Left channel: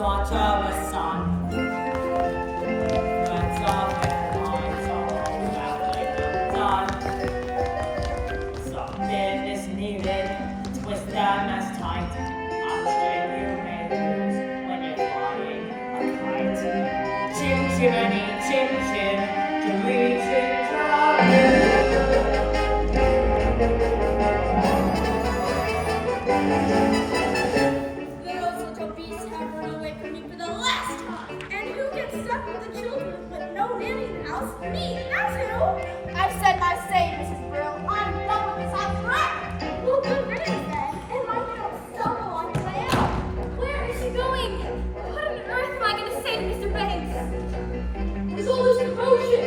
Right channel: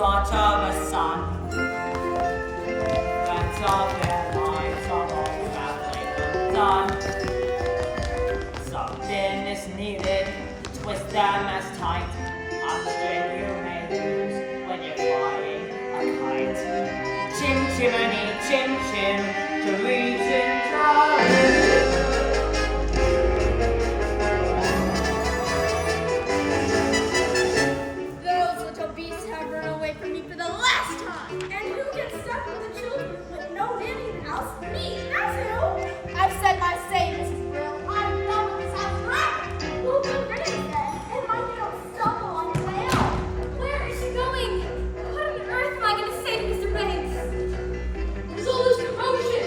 daughter a son. Threads of their lives are all traveling undone. Something is needed, twist them as tight. A string you may lose when you're flying a kite. Chim chimney, chim chim, to reach in Those little beasts have run away from me for the last time. And who gets stuck with the children with no nanny in the house? Me, that's who. I've said my say, Mrs. Brill. I'm done with this house forever. Well, good riddance then. And mind you don't stumble on your way out. Where is she going? What on earth am I going to say to Mr. Banks? What is all this commotion?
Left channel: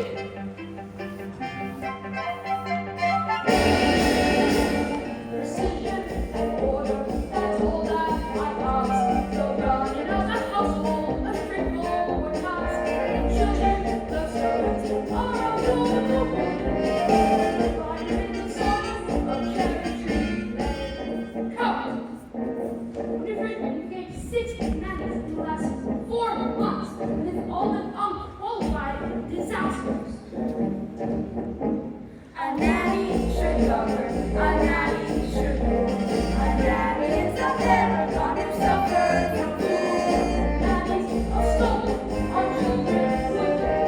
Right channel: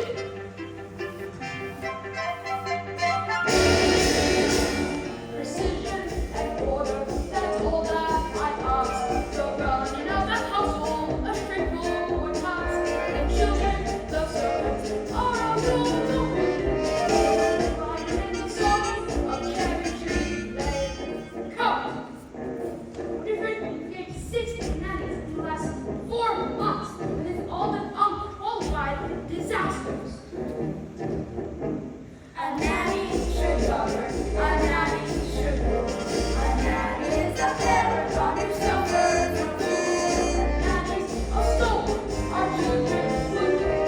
Precision and order, that's all that I ask. The running of the household, a straightforward task. And children, the servants, are all good to win. Riding in the sun of Cherry Tree Lane. Come! What if we engaged 6 nannies in the last 4 months, and they've all been unqualified disasters? A nanny should govern, a nanny should rule. A nanny is a paragon who suffers from fool. Nannies are stolen, our children would get.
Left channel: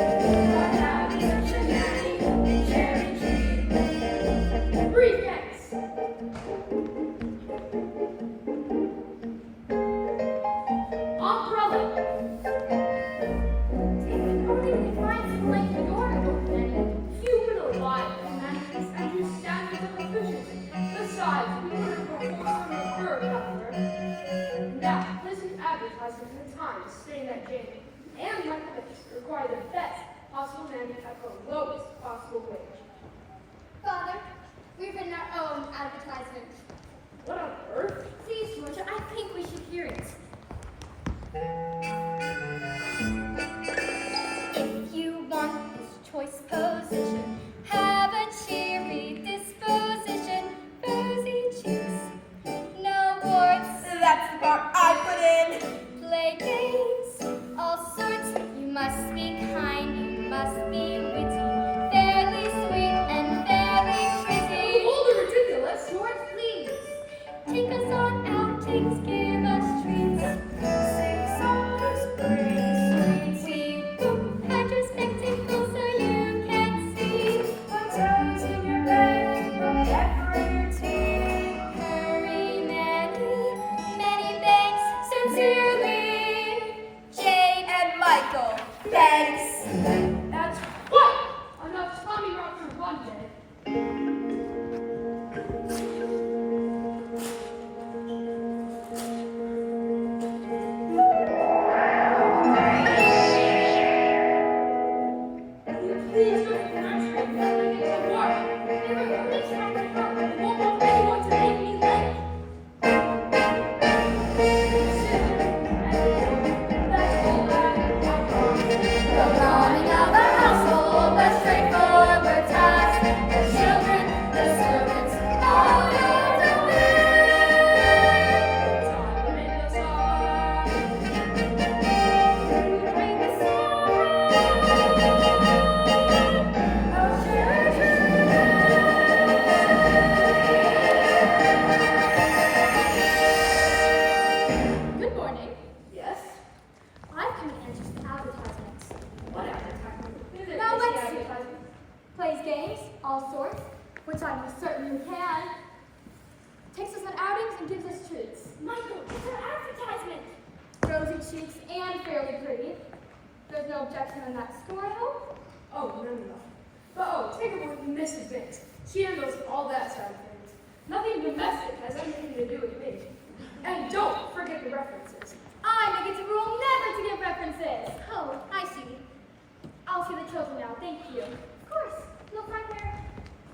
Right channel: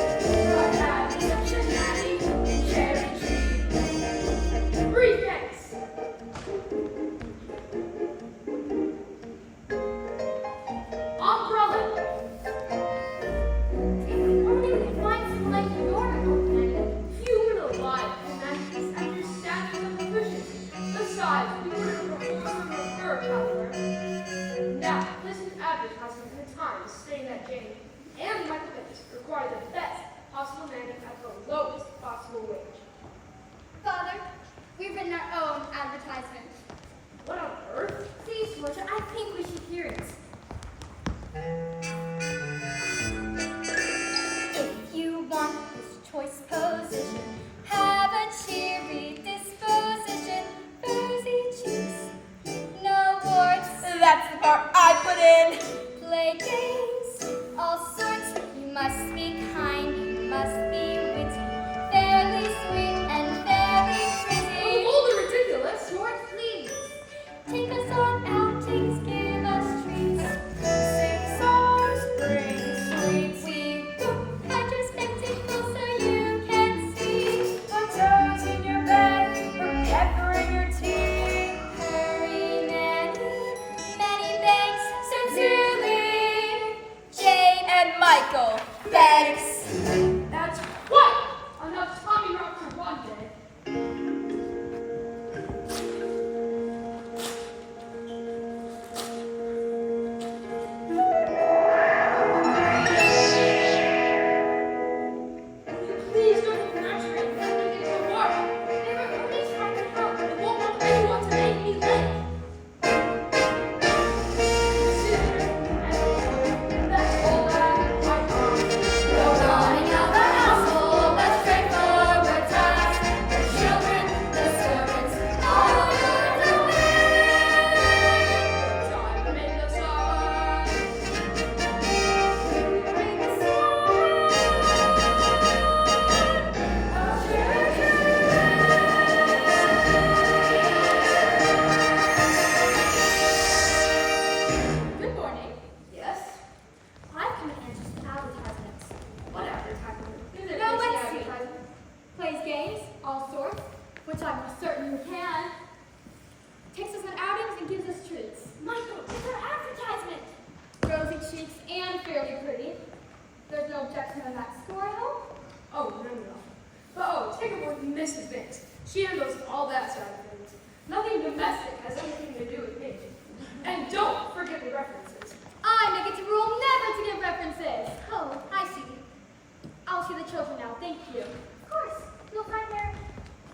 But having such a nanny in Cherry Tree. Briefcase! Umbrella! If only we could find someone like your nanny, human alive who manages and whose standards of efficiency. Besides, we wouldn't perform her, however. Now, listen to advertisements in time to say that Jane and Michael Banks require the best possible nanny at the lowest possible wage. Father, we've written our own advertisement. What on earth? Please, Georgia, I think we should hear it. If you want this choice position, have a cheery disposition, rosy cheeks, no warts. That's the part I put in. Play games, all sorts. You must be kind, you must be witty, fairly sweet and very pretty. Hold the ridiculous. George, please. Take us on outings, give us treats. Sing songs, bring sweets. We will hide your spectacles so you can see. Put toes in your bed, or pepper in your tea. Hurry, Nanny, many thanks, sincerely, Jane and Michael. Thanks. That's quite enough Tommy Rock for one day. Will you please go to the nursery and let me get to work? They were only trying to help. They won't want anyone to make me late. That's all that I ask. The running of a household, a straightforward task. The children, the servants, all yours to win. But I remain the summer. You bring the sun. Oh, Cherry Good morning. Yes? I've come to answer some advertisements. What advertisement? Now let's see. Plays games, all sorts, which I'm certain you can. Takes us on outings and gives us treats. Michael, it's our advertisement. Rosy cheeks and fairly pretty. There's no objection on that score, I hope. Oh, no. But take a look at Mrs. Banks. She handles all that side of things. Nothing domestic has anything to do with me. And don't forget the references. I make it a rule never to give references. Oh, I see. I'll see the children now, thank you. Of course, you'll find they're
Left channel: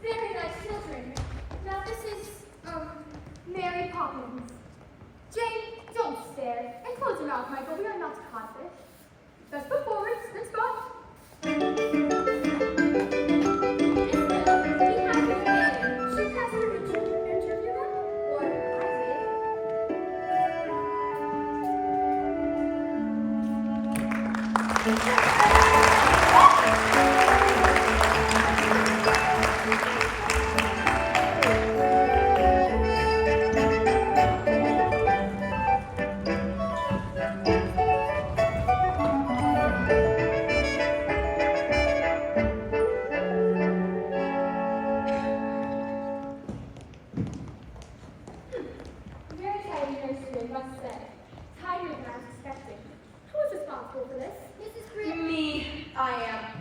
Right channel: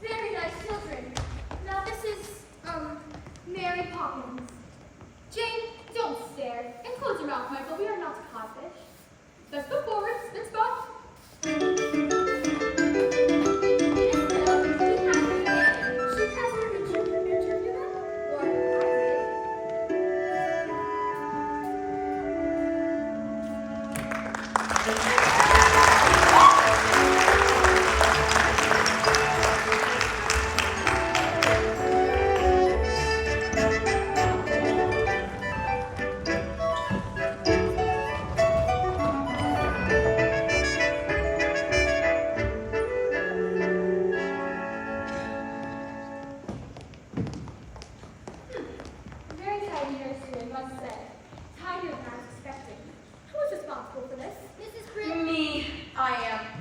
very nice children. Now this is, Mary Poppins. Jane, don't stare. And close your mouth, Michael, we are not codfish. Let's go forward, then spot. Miss Bell, we have her name. She has her interview then? Or I did.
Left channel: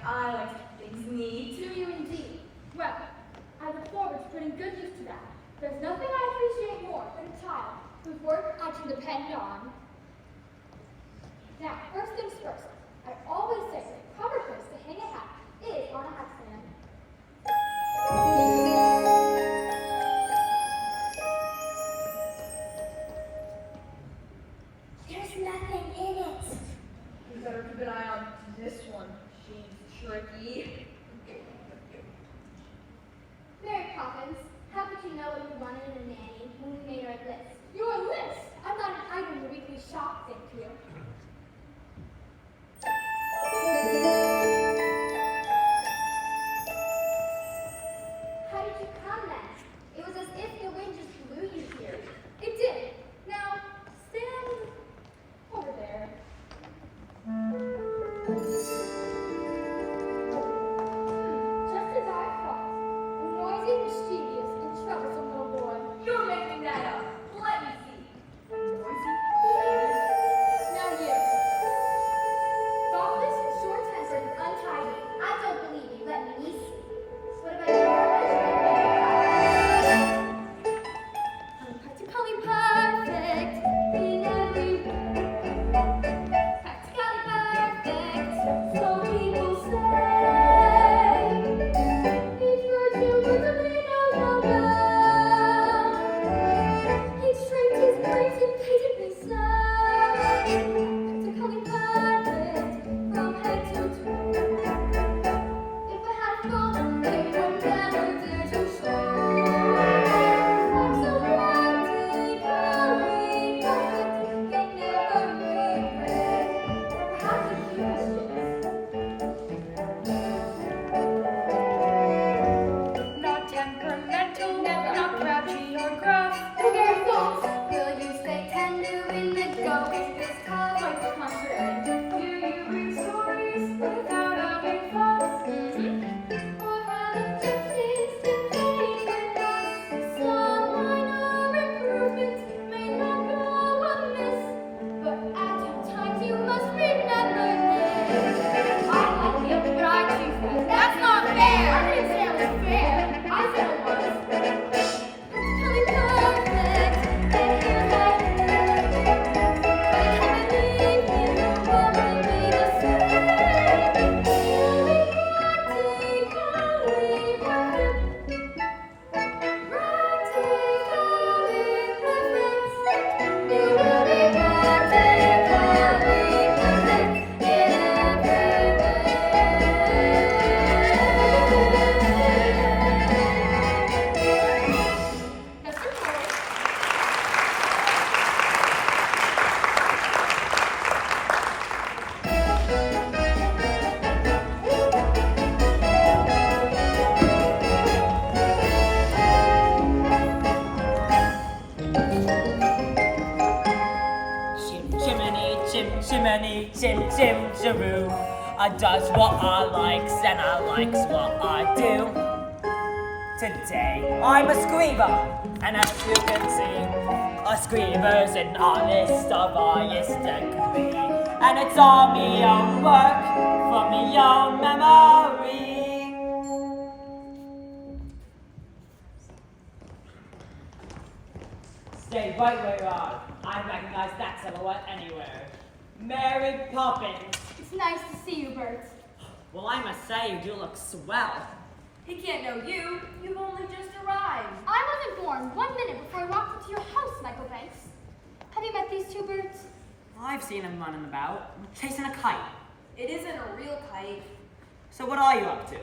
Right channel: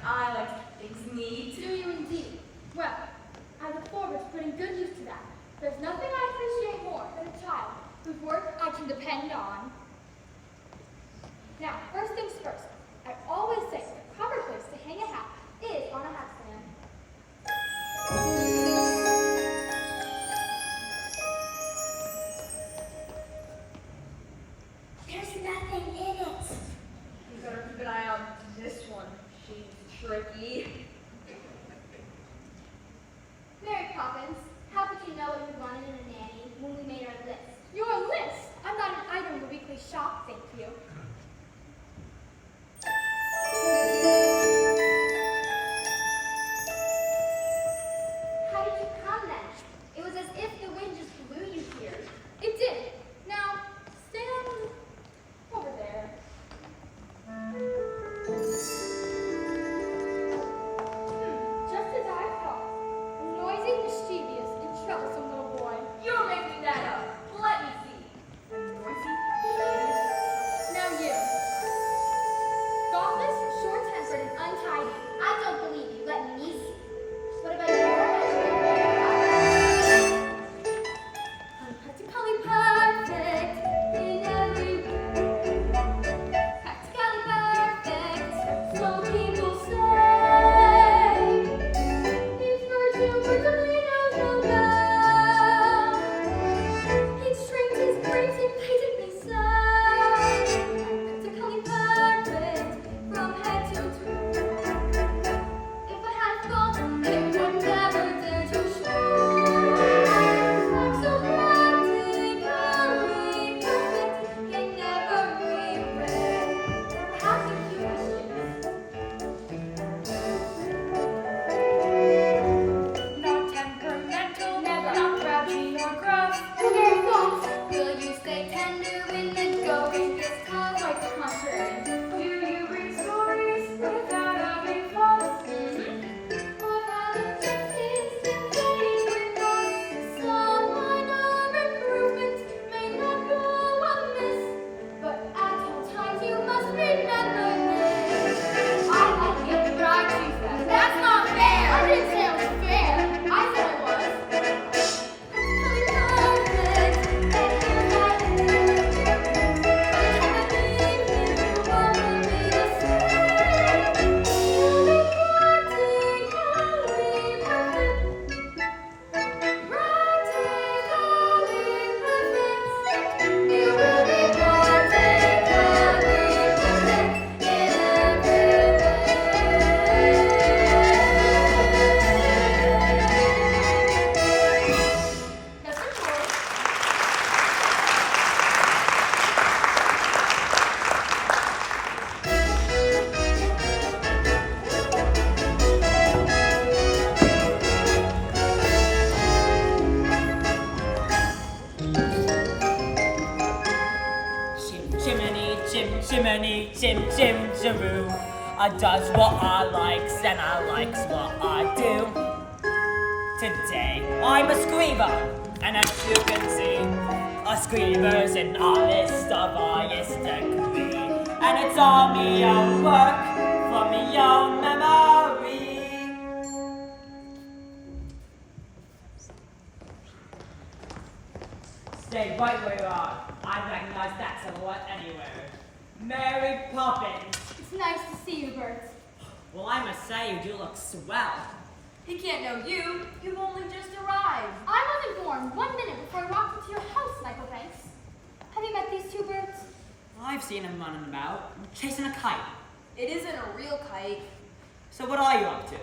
I like to keep things neat. Do you indeed? Well, I look forward to putting good use to that. There's nothing I appreciate more than a child whose work I can depend on. Now, first things first, I always say the proper place to hang a hat is on a hat stand. There's nothing in it. You better keep an eye on this one. She's tricky. Mary Poppins, how could you know what we wanted in a nanny when we made our list? Your list? I'm not an item in the weekly shop, thank you. How did you come then? It was as if the wind just blew you here. It did. Now, stand over there. Just as I thought. A noisy, mischievous, and troublesome little boy. You're making that up. Let me see. Noisy? Now you. Thoughtless, short-tempered, and untidy. I don't believe you. Let me see. What about your measurement? I'm practically perfect in every way. Practically perfect, so people say. Each virtue certainly knows no bounds. Each trait is great and patently so. I'm practically perfect from head to toe. If I had a fault, it would never dare to show. I'm so practically perfect in every way. Or perhaps a few mischievous. Not temperamental, Never. not grouchy or gruff. Your very faults. Will you stay tender when the going gets tough? Quite the contrary. Do you read stories without having thoughts? Or rather, just instant pain with us. Some minor improvements may not go amiss, but at all times you must remember this. I like it, but I choose that. That's not fair. I didn't say it was fair. I said it was. Practically perfect, and here's my end. By the time I leave here, you won't be the same. You'll be practically perfect. Practically perfect. You will be practically perfect in every way. That's the chorus. Chimney, chim, jaroo. I does what I likes and I likes what I do. Today, I'm a screamer, and as you can see, a screamer's an artist of highest degree. And it's all me own work, from me own memory. Stay right where you are. I recognize that silhouette anywhere. Mary Poppins. It's nice to see you, Bert. Well, I must say, you do look swell. He can't know you. You've only just arrived. I wasn't born 1 minute before I walked into your house, Michael Banks. Have you met these two birds? I've seen him running about, chasing a kite. It isn't a real kite. So what are you up to?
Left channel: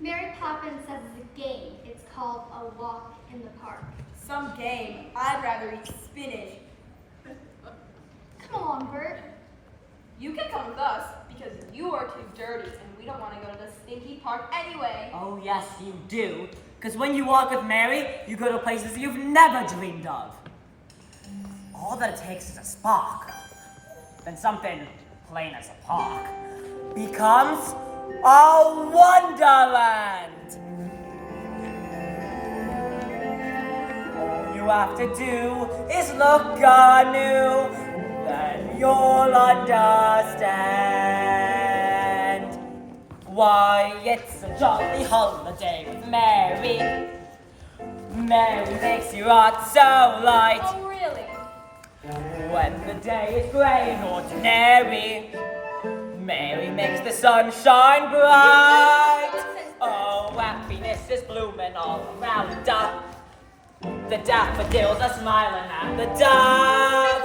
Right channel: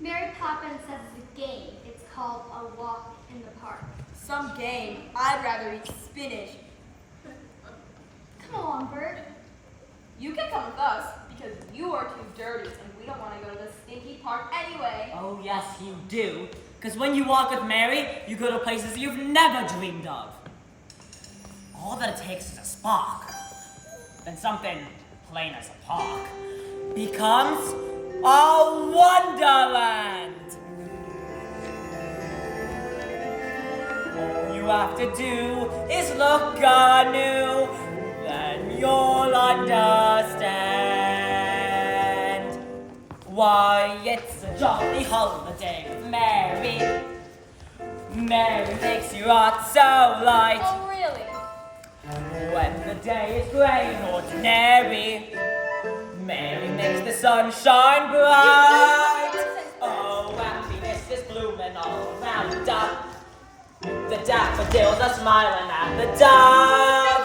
Mary Poppins says it's a game. It's called A Walk in the Park. Some game. I'd rather eat spinach. Come along, Bert. You can come with us because you are too dirty and we don't want to go to the stinky park anyway. Oh, yes, you do. Because when you walk with Mary, you go to places you've never dreamed of. All that it takes is a spark. Then something plain as a park becomes a wonderland. All you have to do is look anew, then you'll understand. Why, it's a jolly holiday with Mary. Mary makes your heart so light. Oh, really? When the day is grey and ordinary, Mary makes the sun shine bright. Oh, happiness is blooming all around us. The daffodils are smiling at the dawn.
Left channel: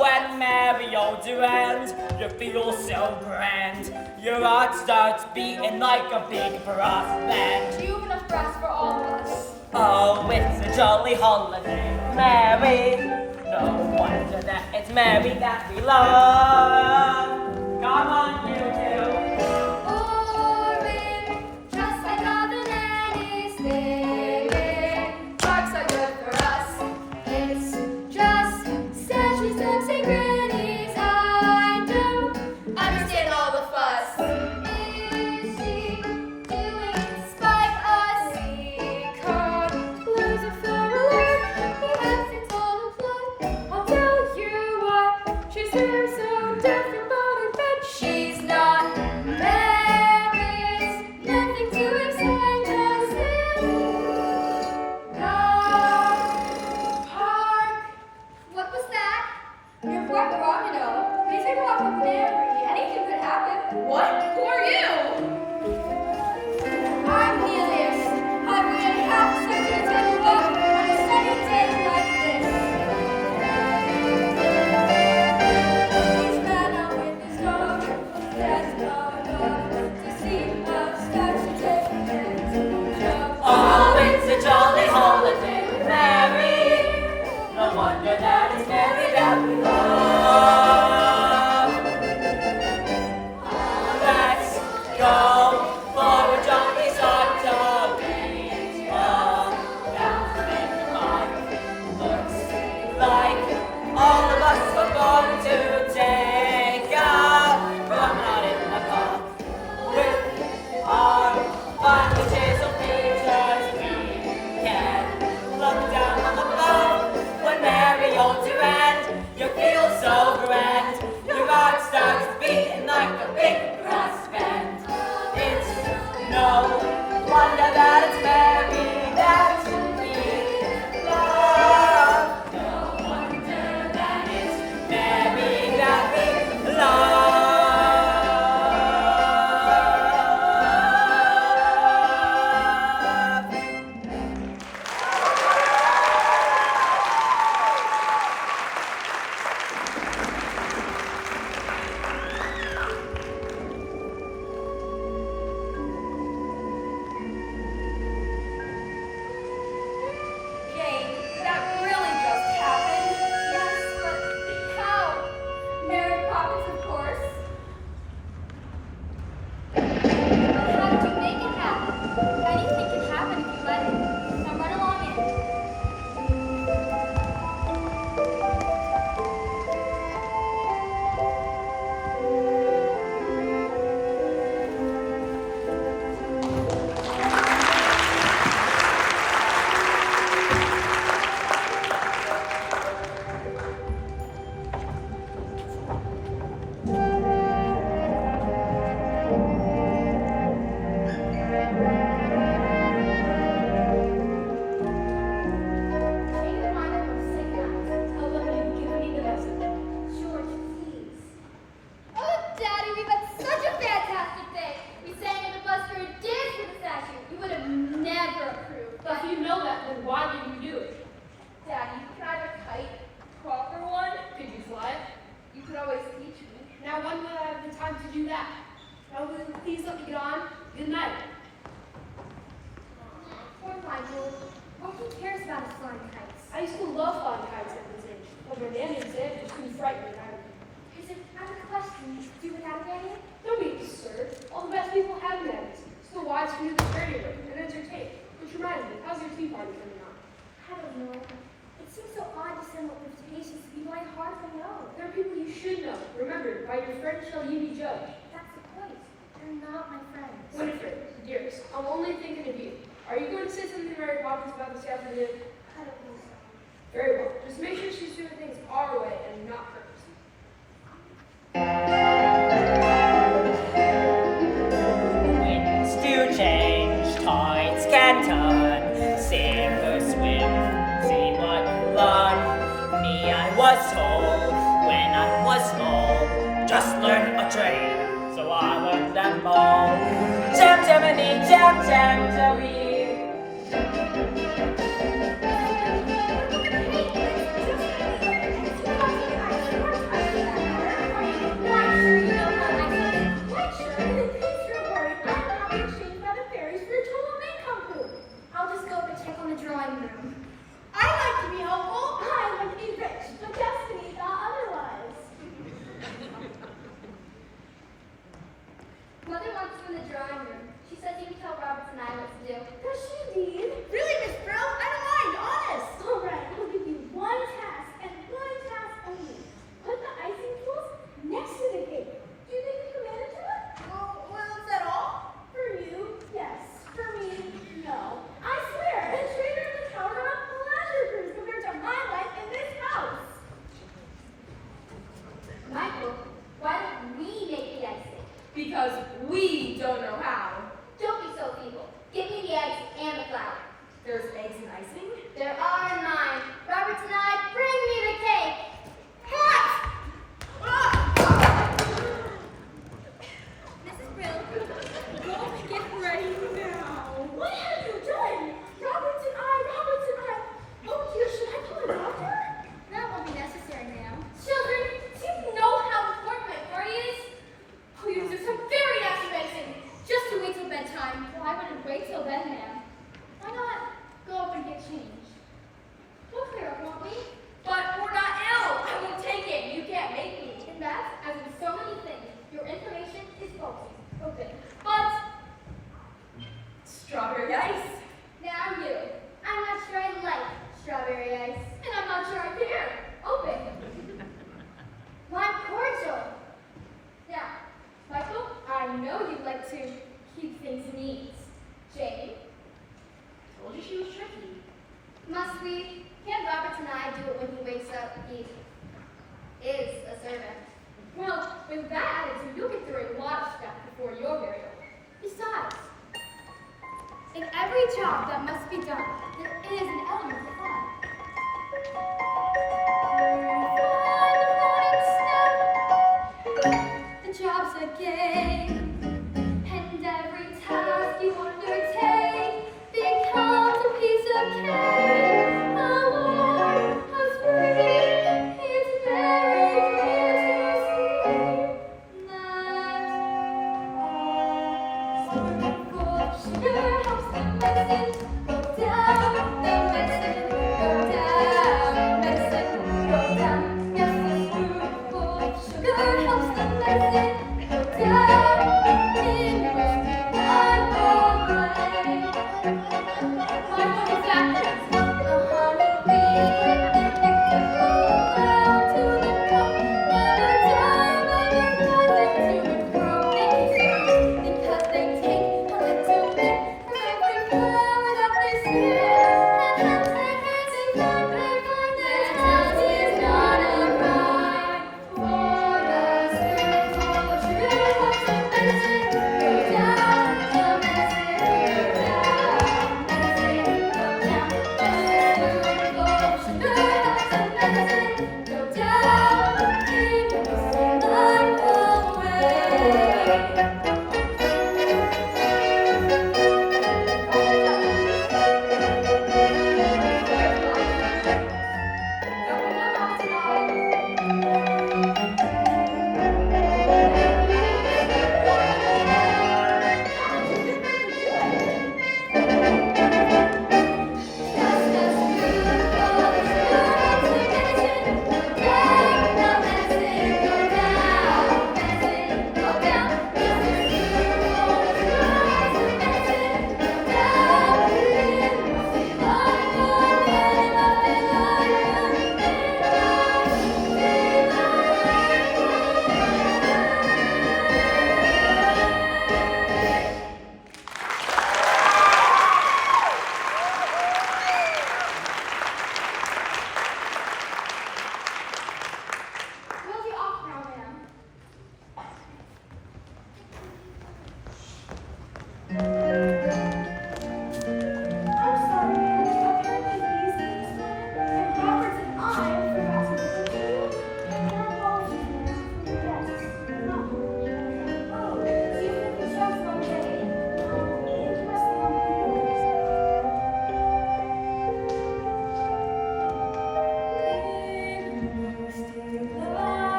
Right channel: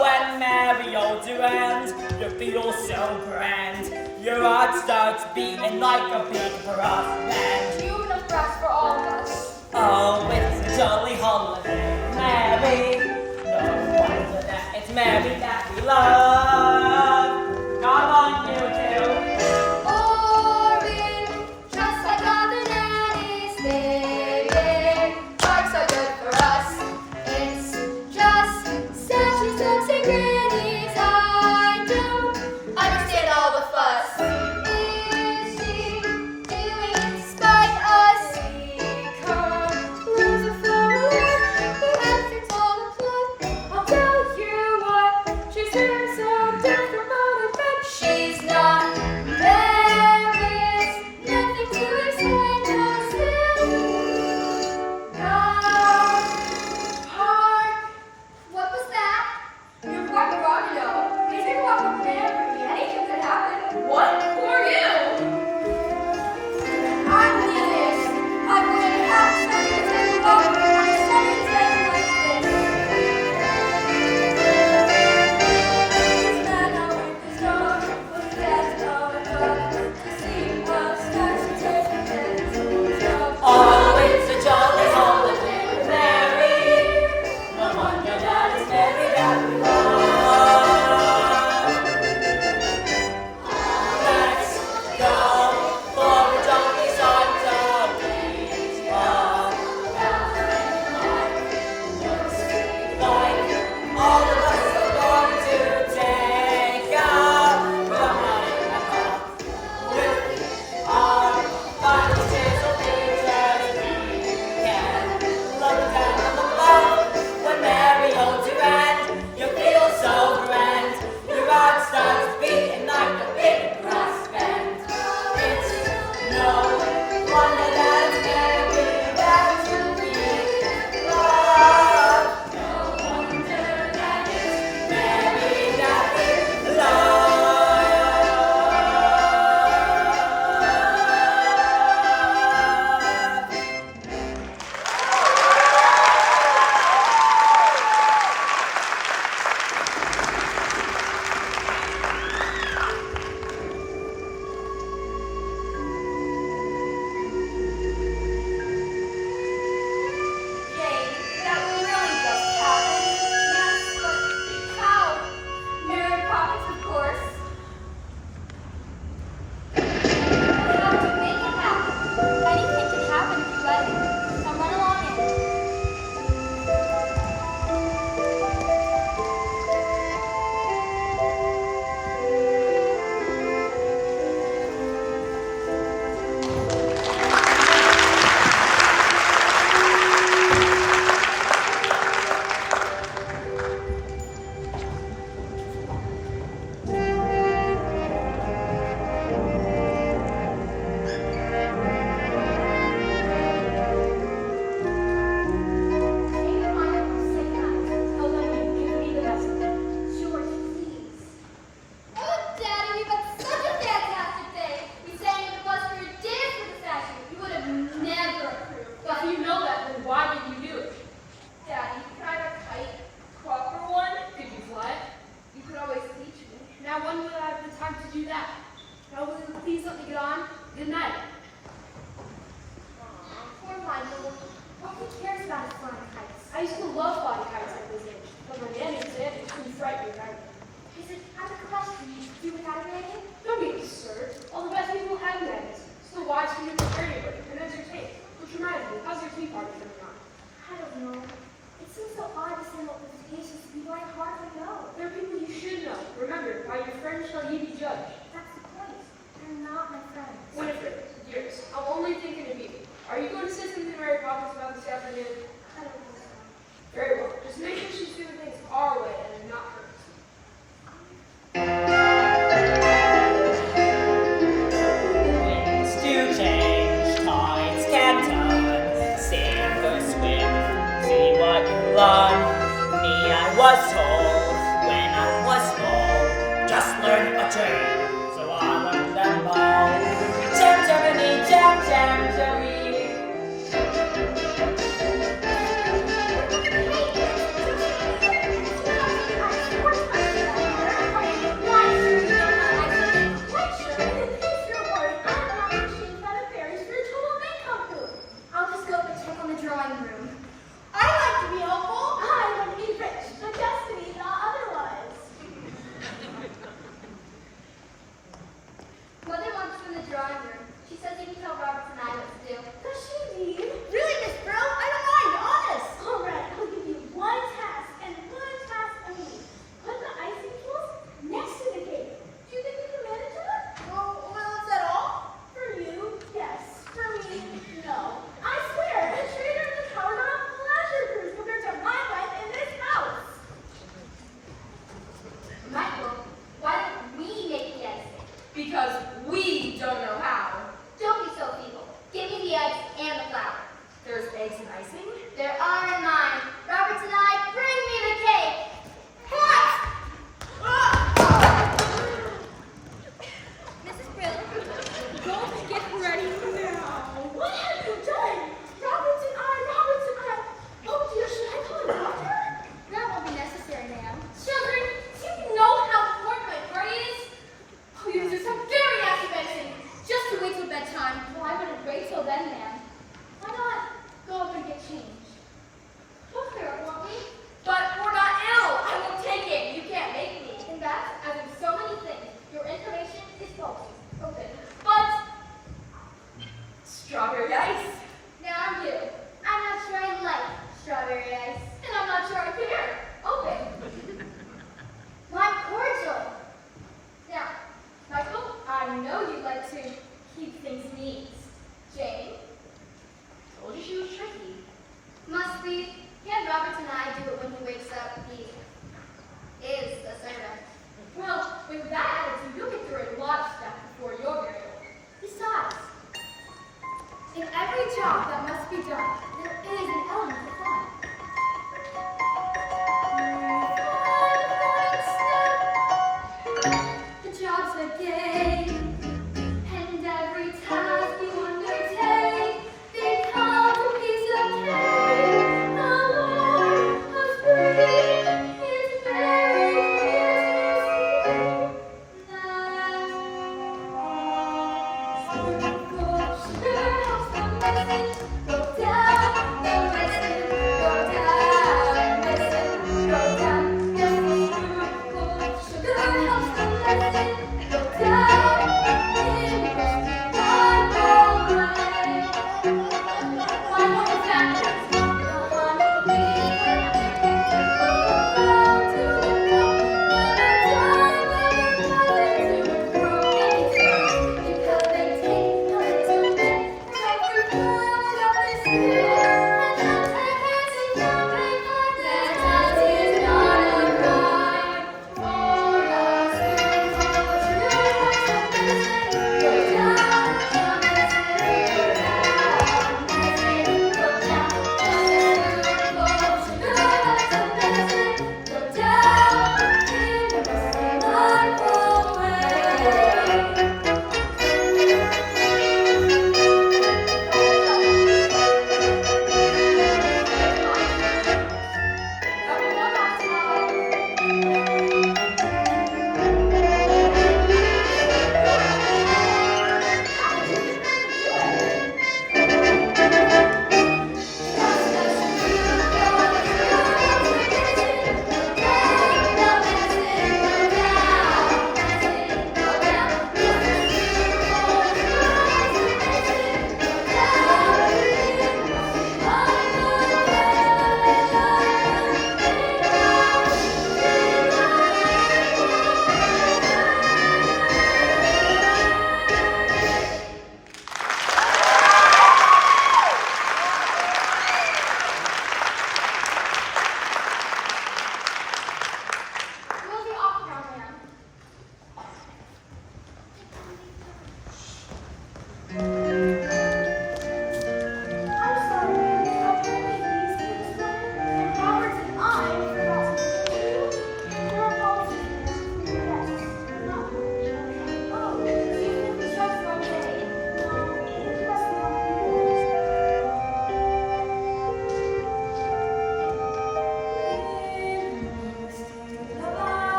When Mary holds your hand, you feel so grand. Your heart starts beating like a big brass band. You have enough brass for all of us. Oh, it's a jolly holiday, Mary. No wonder that it's Mary that we love. Come on, you two. Orange, just like nothing else is living. Life's so good for us. It's just Santa's looks and grannies. I don't understand all the fuss. Is she doing in spite us? We can't lose a flower like the accents all the blood. I'll tell you what, she's here so different, but I bet she's not. There is nothing to explain, 'cause in the park. What was that? You're quite wrong, you know. They take a walk with Mary. Anything could happen. What? Who are you? I'm Nevis. I would have sent you to take a walk on a sunny day like this. He's mad out with his dog, was that a dog to see us start to take and to jump. Oh, it's a jolly holiday with Mary. No wonder that it's Mary that we love. Let's go for a jolly Santa. We are laughing on. Looks like all of us are going to take a promenade in the park with our finely chiseled features. We can look down on the floor when Mary holds your hand. You feel so grand. Your heart starts beating like a big brass band. It's no wonder that it's Mary that we love. No wonder that it's Mary that we love. Jane, that really just happened. Yes, but how? Mary and Poppins, of course. But how did you make it happen? Anything can happen if you let it. Come run along in. Jane and I will say night. Although you do be the best. George, please. Oh, Daddy, we've had such a fantastic day. We sang in the bus for a dance with the statue. You would have never approved. If you know that, then why would you do it? Daddy, can I have a kite? Copper one? Could you fly it? You could always teach me. Now when will I have the time to do that? Now will you please let me get on? Good night. Poor Michael. Oh, who cares about his flying kites? I used to love flying kites at this age, but my nanny said it was too frightening. Is it out of question you do without a nanny? Don't be absurd. All the best people have nannies. Still wise for you to carry with and entertain. Which reminds me, how's your tea party coming on? I don't know. It seems so odd to send out invitations to people I hardly know. There are people you should know. Remember, by your friends shall ye be judged. That's the point. They're not my friends. Winifred, dearest, I'm only thinking of you. Are you going to say something to Mary Poppins about this afternoon? I don't think so. Very well. Just make sure she's doing things our way and not hers. love me, I was told when I was small. Just learn a trade, so I learned them all. Jam, jammy, jam, jam, jammy. I'll just go check on the drawing room. I like to be helpful. I want to be rich, but destiny thought otherwise. Mother wants you in the drawing room. She says you can tell Robert and I what to do. Does she indeed? Really, Miss Pearl? I don't mind, honest. All right, I'll give you one task and one task only. Put the icing tools next to the cake. Do you think you can manage that? Oh, well, is that all? For you, yes. For me, no. I swear, the trainer and the coward are on pleasure cruise compared to my life in this house. Michael, why don't we make the icing? Because we don't know how. Don't be so feeble. Give me the ice and the flour. There's eggs and icing. There are 9. Robert and I, bring me the cake. Mrs. Bill, don't get ready now. What have you done? Roberts and I. Oh dear, should I call a doctor? That won't be necessary, ma'am. Children, do you know how important my party is? Oh, you do some very nasty medicine. Just to wait till bedtime. Well, I wouldn't wait till then, ma'am. Why not go up and get changed? We'll clear up, won't we? But we're not ill. I won't take it. You can't make me. In that, as in so many things, your information is faulty. Open. But Strawberry ice. now you. I'm not sure I like strawberry ice. And I'm not sure I care. Open. Lime cordial. Now, Michael, I know you like to keep things neat. Jane, Told you she was tricky. must we? Can Robert and I do it when he wakes up? He is a servant. Well, with that attitude, you'll get through a lot of stuff before your burial. Besides, in every job that must be done, there is an element of fun. The job's a game, and every task you undertake becomes a piece of cake. A Lord of spring is very clear to see that spoonful of sugar helps the medicine go down, the medicine go down, medicine go down. Yes, a spoonful of sugar helps the medicine go down.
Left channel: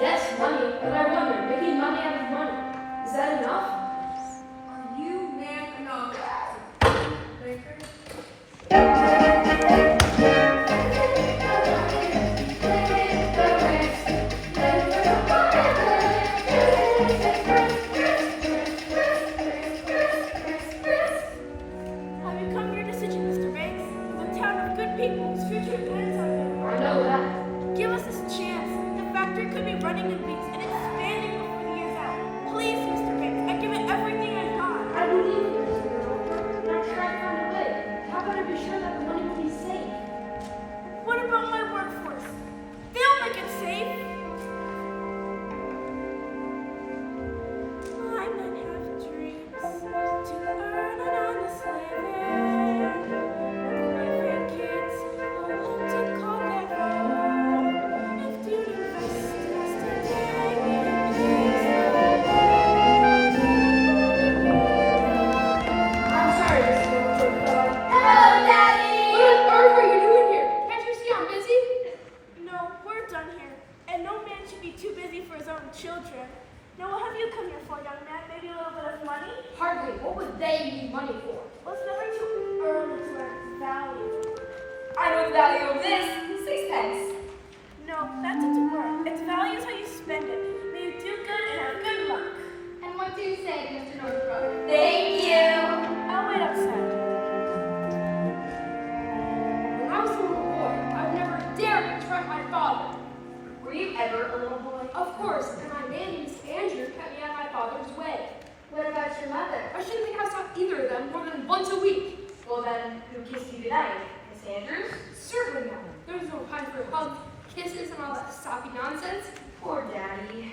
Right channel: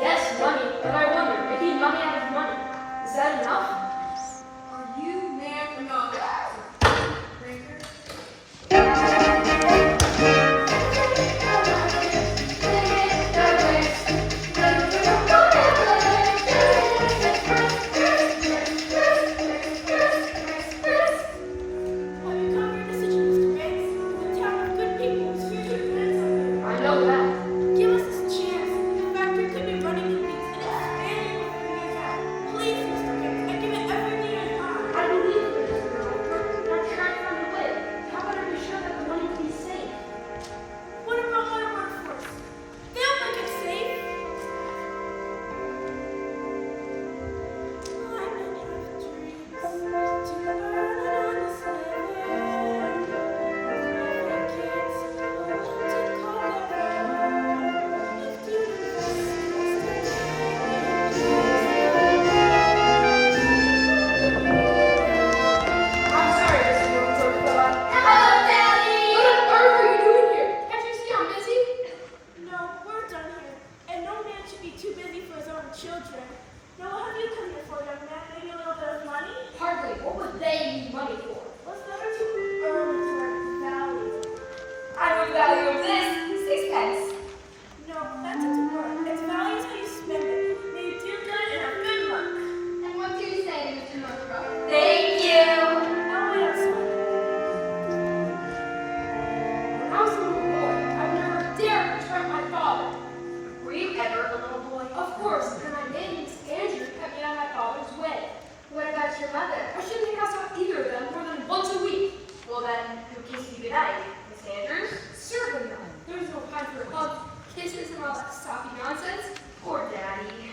Yes, money, but I wonder, making money out of money, is that enough? Are you man enough? Breaker? I know that. Give us this chance. The factory could be running in weeks and expanding before years out. Please, Mr. Gates, I give it everything I got. I believe in this girl, but I'll try to find a way. How about I be sure that the money will be safe? What about my workforce? They'll make it safe. I many have dreams to earn an honest living. My kids hope to call their own. If you I'm sorry, Mr. Youngford. Hello, Daddy! What on earth are you doing here? Can't you see I'm busy? No, we're done here. And no man should be too busy for his own children. Now, what have you come here for, young man? Maybe a little bit of money? Hardly. What would they need money for? What's better to earn value? I know the value of this. 6 pence. No, that's its worth. Its value is how you spend it. May you do good and have good luck. And what do you say, Mr. Northrop? Thank you. I'll wait outside. When I was a little boy, I would never dare disrespect my father. Were you ever a little boy? Of course, and I did, Miss Andrew kept me out of my father's way. What about your mother? I shouldn't be cast out either of them more than once a week. Well then, who kissed you goodnight? Miss Andrews? Certainly not. There's no time for hugs, kisses, and all that soppy nonsense. Poor Daddy.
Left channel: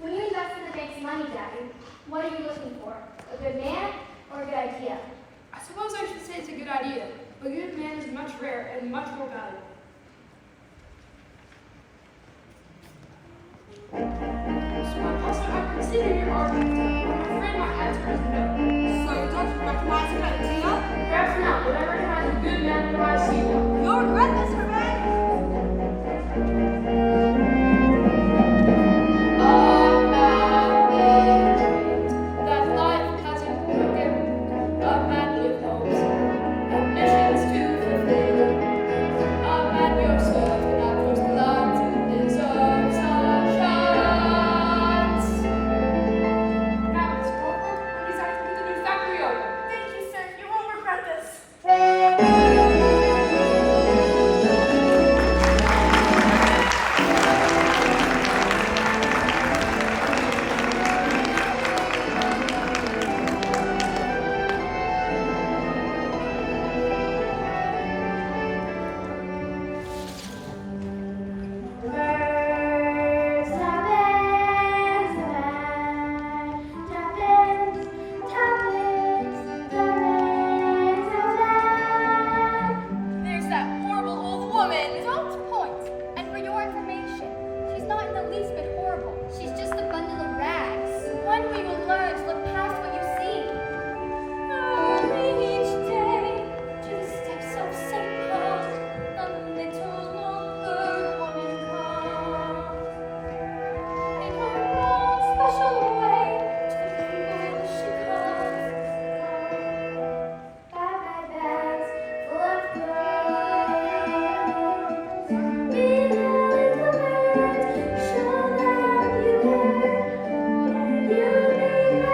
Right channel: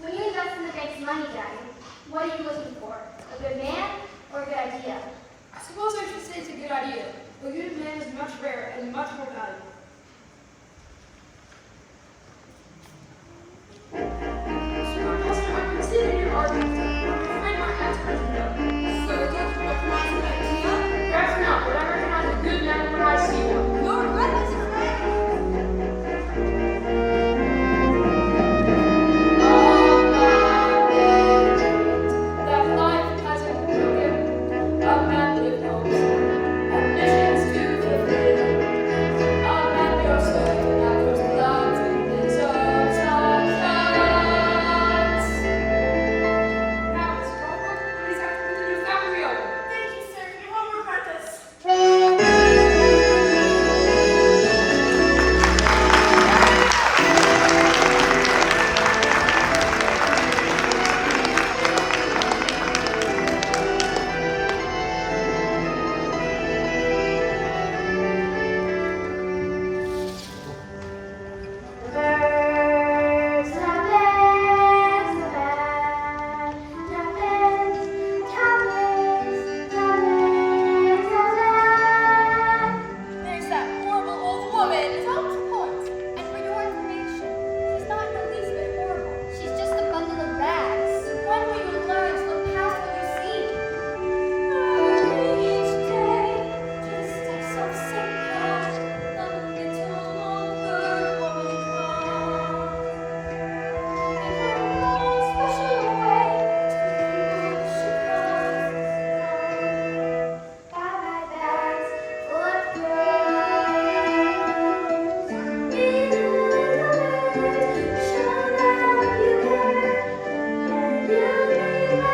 When you invest in the bank's money, Daddy, what are you looking for? A good man or a good idea? I suppose I should say it's a good idea. A good man is much rarer and much more valuable. Sir, my cousin, I've been sitting here arguing with I'm afraid my answer is no. So don't you recognize an idea? Perhaps not, but I recognize a good man when I see one. You'll regret this, correct? That life hasn't broken, a man with hopes, ambitions to fulfill. A man goes certain that first glance deserves a chance. Now, Miss Crawford, what is that for the new factory owner? Thank you, sir. You won't regret this. There's that horrible old woman. Don't point. And for your information, she's not in the least bit horrible. She's just a bundle of rags. When we will learn to look past what you see. Early each day, to the steps of St. Paul, the little old woman comes. In her own special way, to the people she calls. Bye-bye bags, full of clothes. Be the little man, show them you care. You need my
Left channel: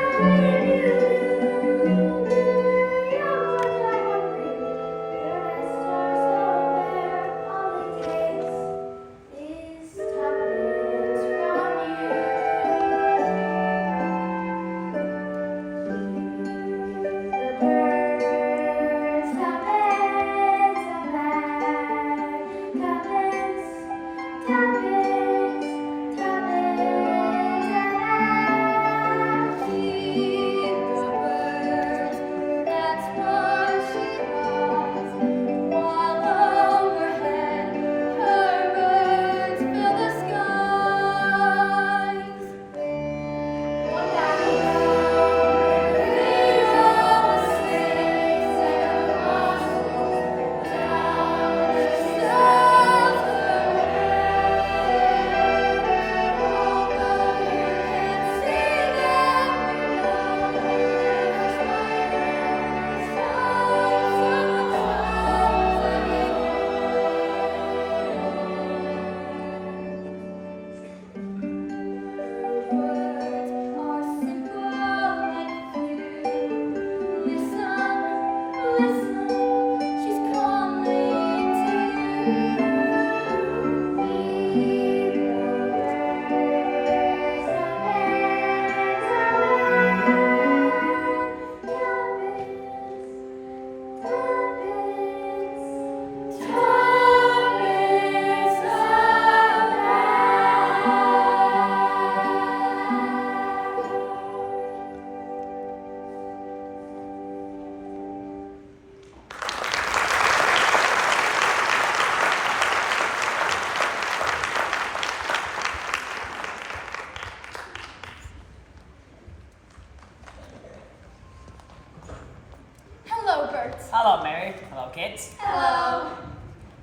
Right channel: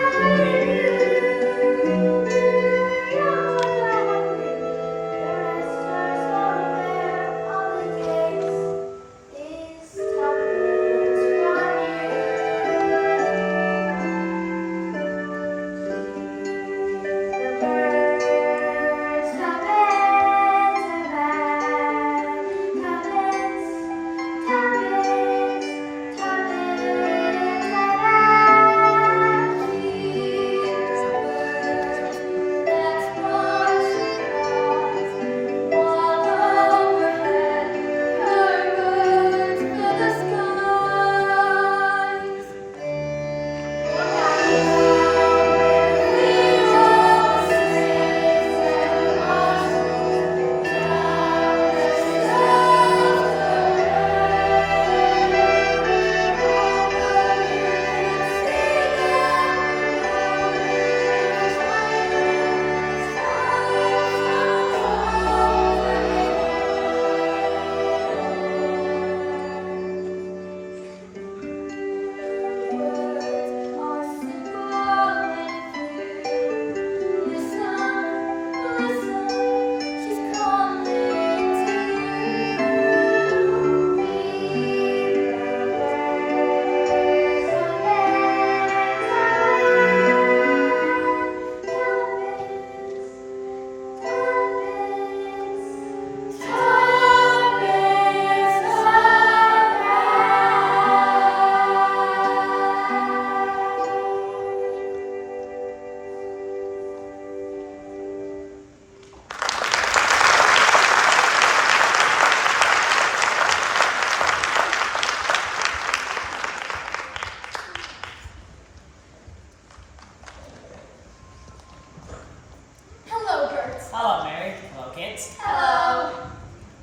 it. Hello.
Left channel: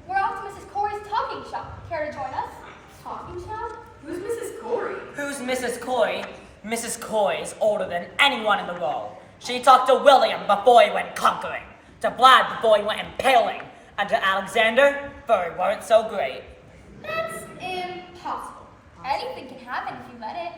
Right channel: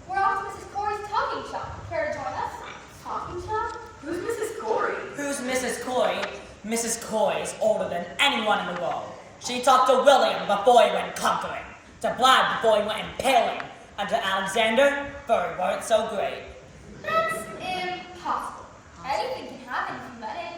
We're off to Mrs. Corey's talking shop. Care to join us? Talking shop? Who's Mrs. Corey? Who's Mrs. Corey? Mrs. Corey's older than anyone in the world. She talked to William before he went conquering, to Vlad before he went impaling, and to Alexander before he weren't so great. That's impossible. Anything can happen if you let it.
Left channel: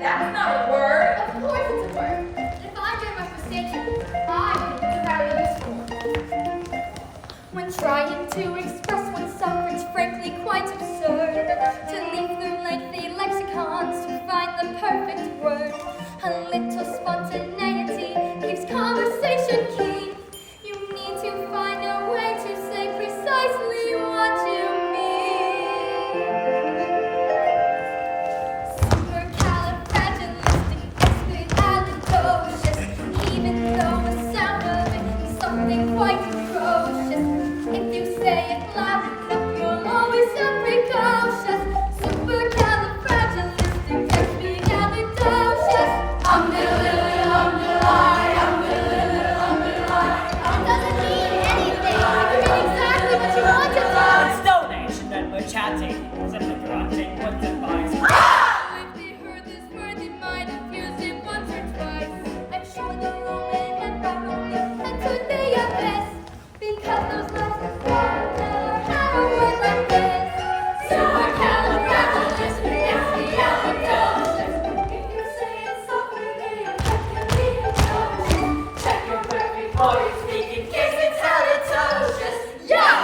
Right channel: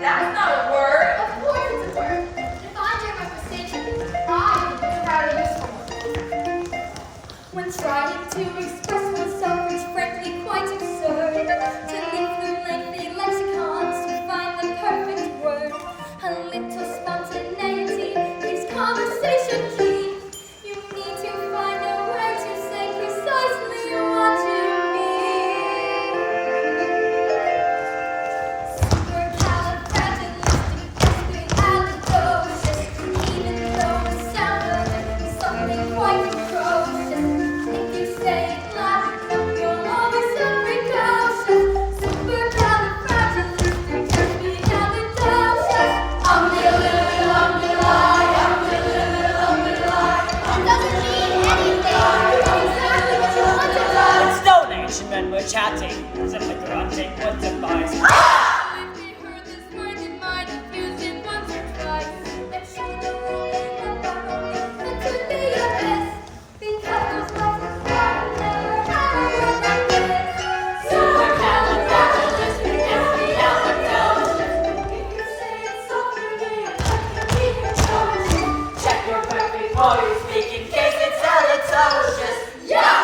That's not a word. Of course it's a word. If I get my frustration, I think it's a rather useful one. When trying to express oneself, it's frankly quite absurd to leaf through lengthy lexicons to find the perfect word. A little spontaneity keeps conversation keen. You need to find a way to say precisely what you mean. Even though the sound of it is something quite atrocious, if you say it loud enough, you'll always sound precocious. Supercalifragilisticexpialidocious. Doesn't mean anything. It can mean exactly what you want it to. It's donation when we're chatting, as if the grunting what's advice. If they heard this word, it might have used it once or twice. I'm sure the ruling and back and could be a bliss, because those lights are flying never had a word like this. Supercalifragilisticexpialidocious. If you say it softly, it can be atrocious. Check your brain before you speak in case it's halitosis. Yeah!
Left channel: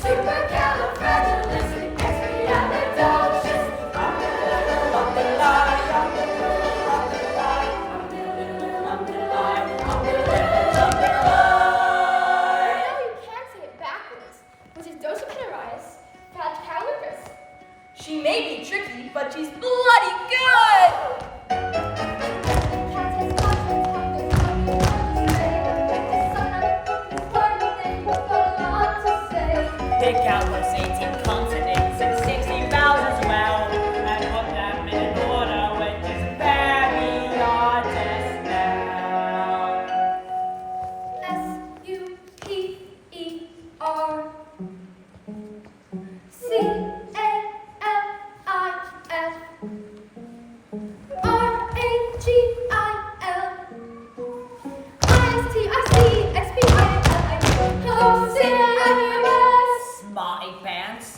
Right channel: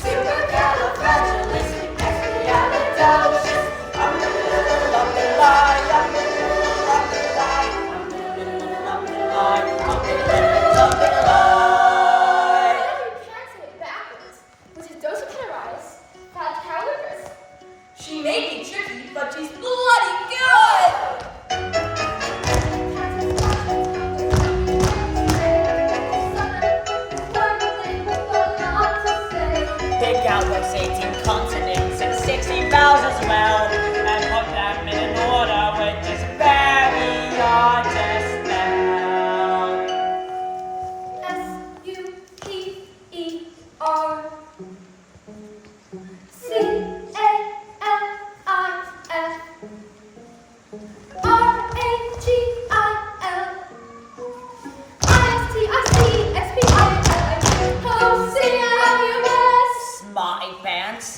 Supercalifragilisticexpialidocious. She may be tricky, but she's bloody good! Dig out what's 18 continents and 60 vowels as well, and put them in an order with this very artist now. Supercalifragilisticexpialidocious. Smarty pants.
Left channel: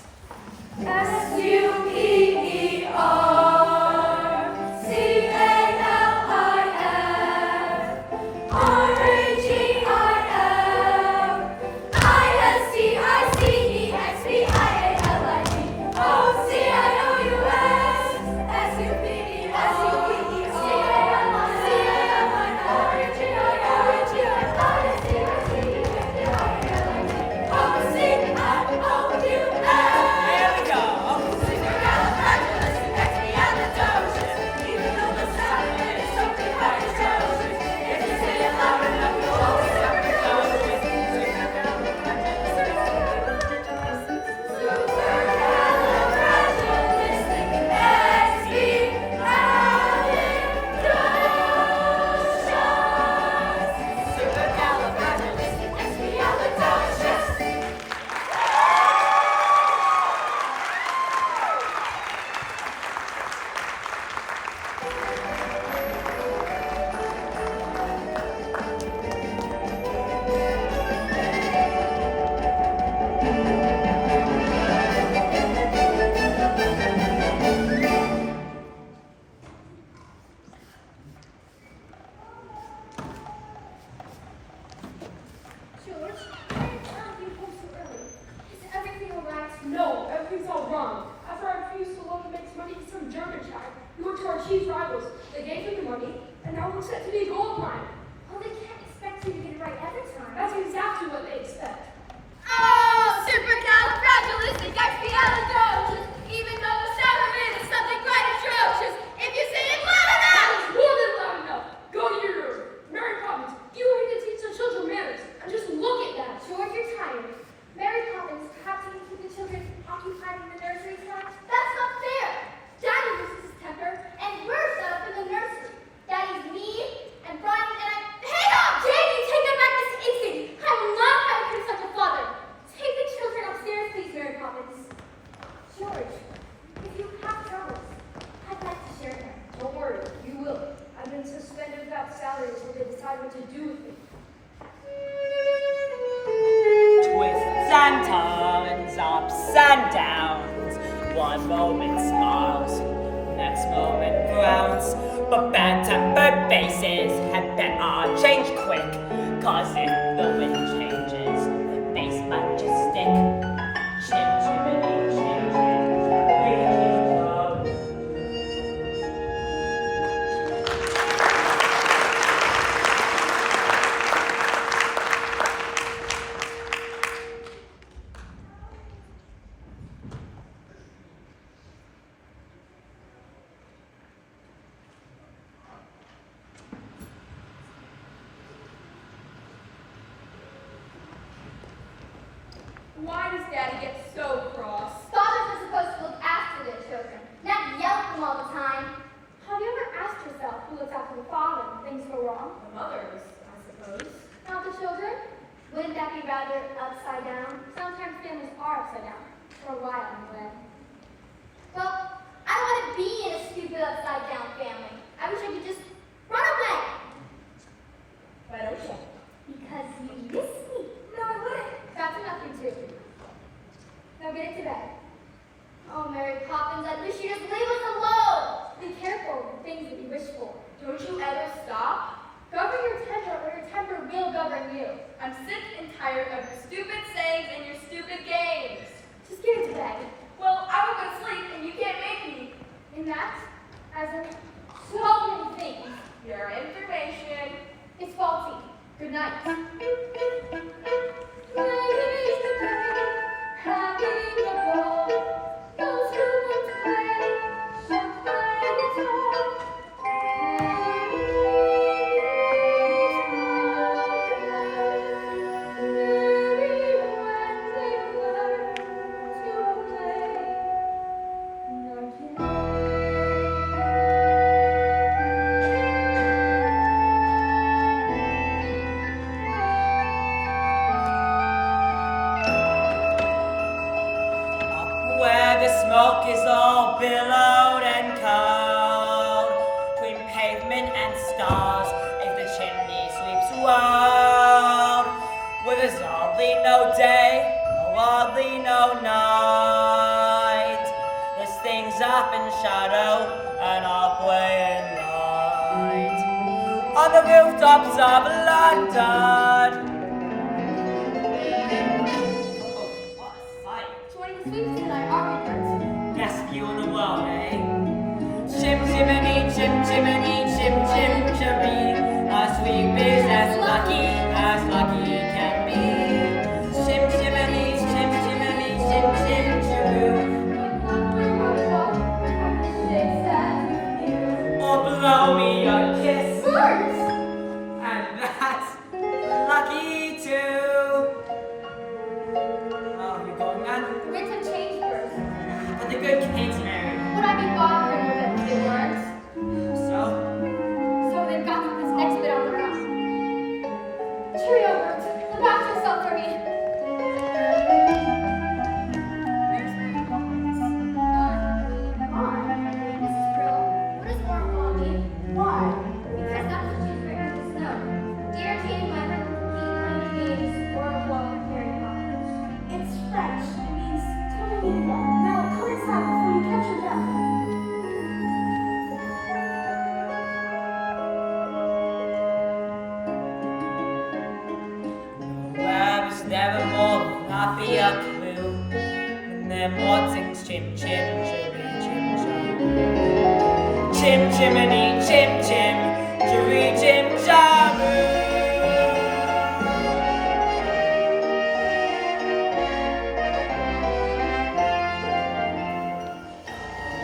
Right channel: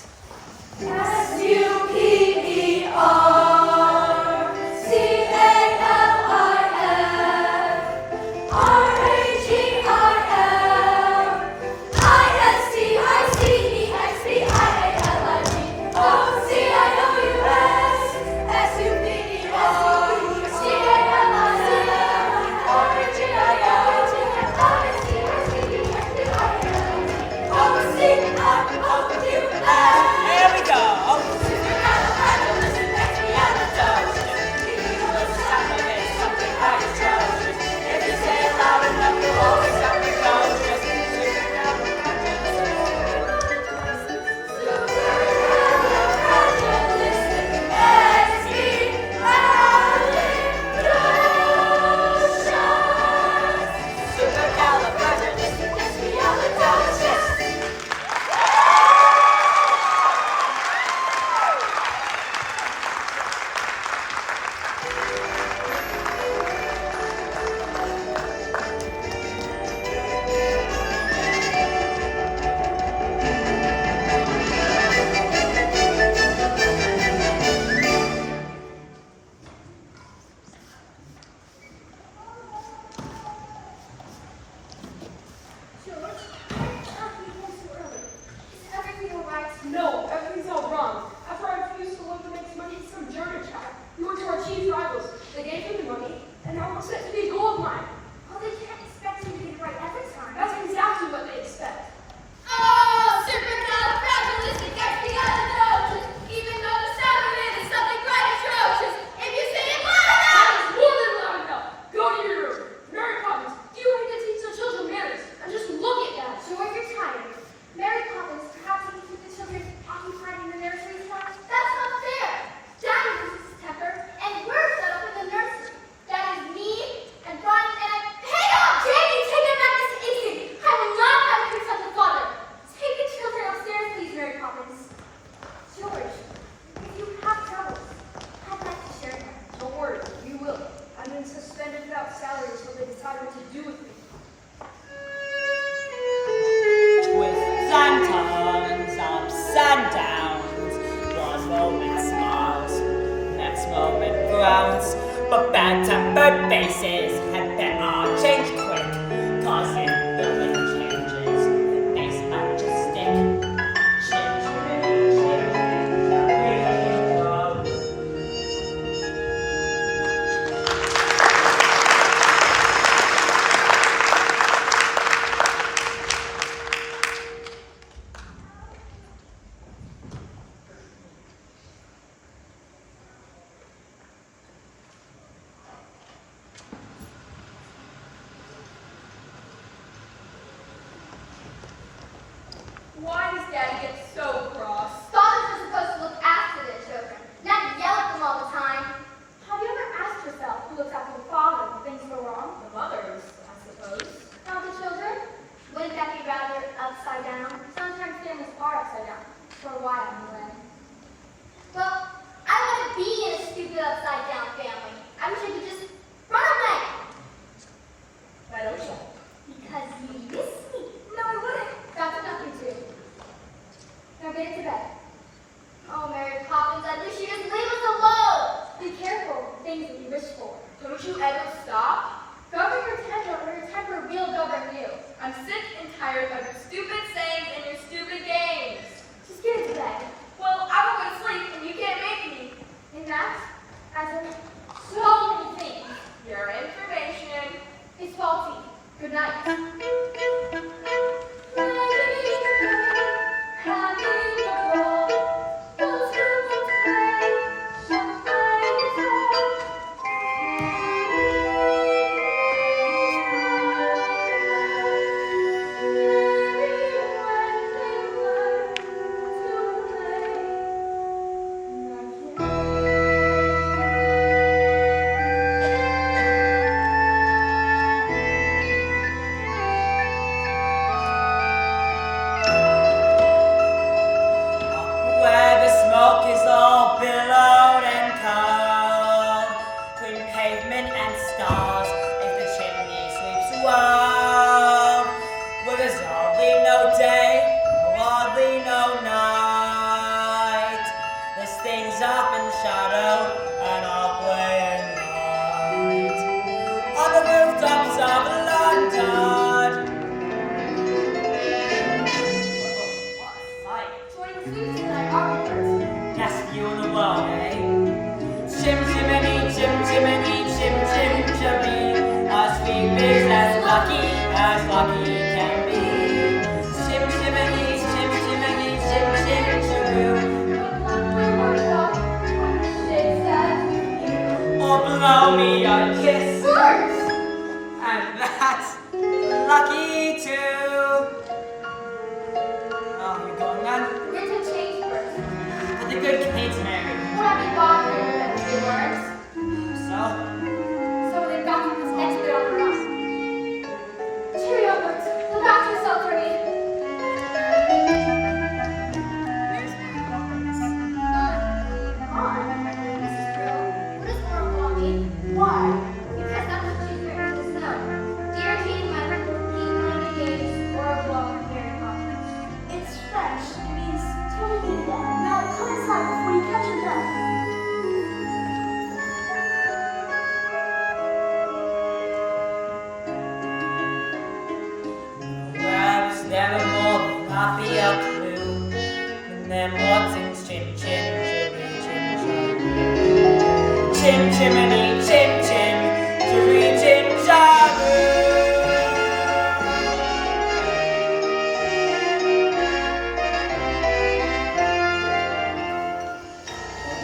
Why does Daddy get so cross? Fathers are supposed to look after their children, not yell at them all the time. Have you ever asked yourself who looks after the father when things go wrong? The mothers, I suppose. Not the children? Wouldn't that be rather upside down? Sometimes families are upside down. For a while, anyway. Well, I wouldn't be in a stupid upside down family. I wish I could just run away. Why don't you? Because you miss me. No, I wouldn't. That's enough for you two. Now get into bed. Oh, Mary Poppins, at least you just leave us alone. Be careful of the things that you wish for. Don't you ever stop? Govern your temper, or your temper will govern you. I'm sick and tired of your stupid sayings and your stupid games. Just get into bed. Well, I will go to sleep and you can't make me. And that, as in so many things, Your information. is faulty. Good night. Having a ball, those who want to play, shall play it all. Where the smoke is all billowed and cold, between pavement and stars, as the chimney sweeps wild, where there's hardly no day, hardly no night. There's things up in shadow and up way in light. On the rooftops of London. Joining the sweeps tonight, are we first? Best view in the world, eh? Chim chimney, chim chimney, chim chim chimney. Our sweep is as lucky can be. Chim chimney, chim chimney, chim chim chimney. Or blow me a kiss, and that's lucky too. Oh, you going on? Winter change first. But the good Kate's married. Would I be bothering her if they weren't? So? So they've got this next bit on their own. Cheerio, Bert. Look after yourself for me. Mrs. Brill, please don't call me. Why? Because that's what she's wearing to snow. Dear Jane, my keep playing games or blowing Mary Poppins. It's French. It means tell me the end. Now come inside before you catch your breath. Where is there a more happier clue than them watching chim chim chirry chim chim chim chimney chim chim chirry chim chiroo.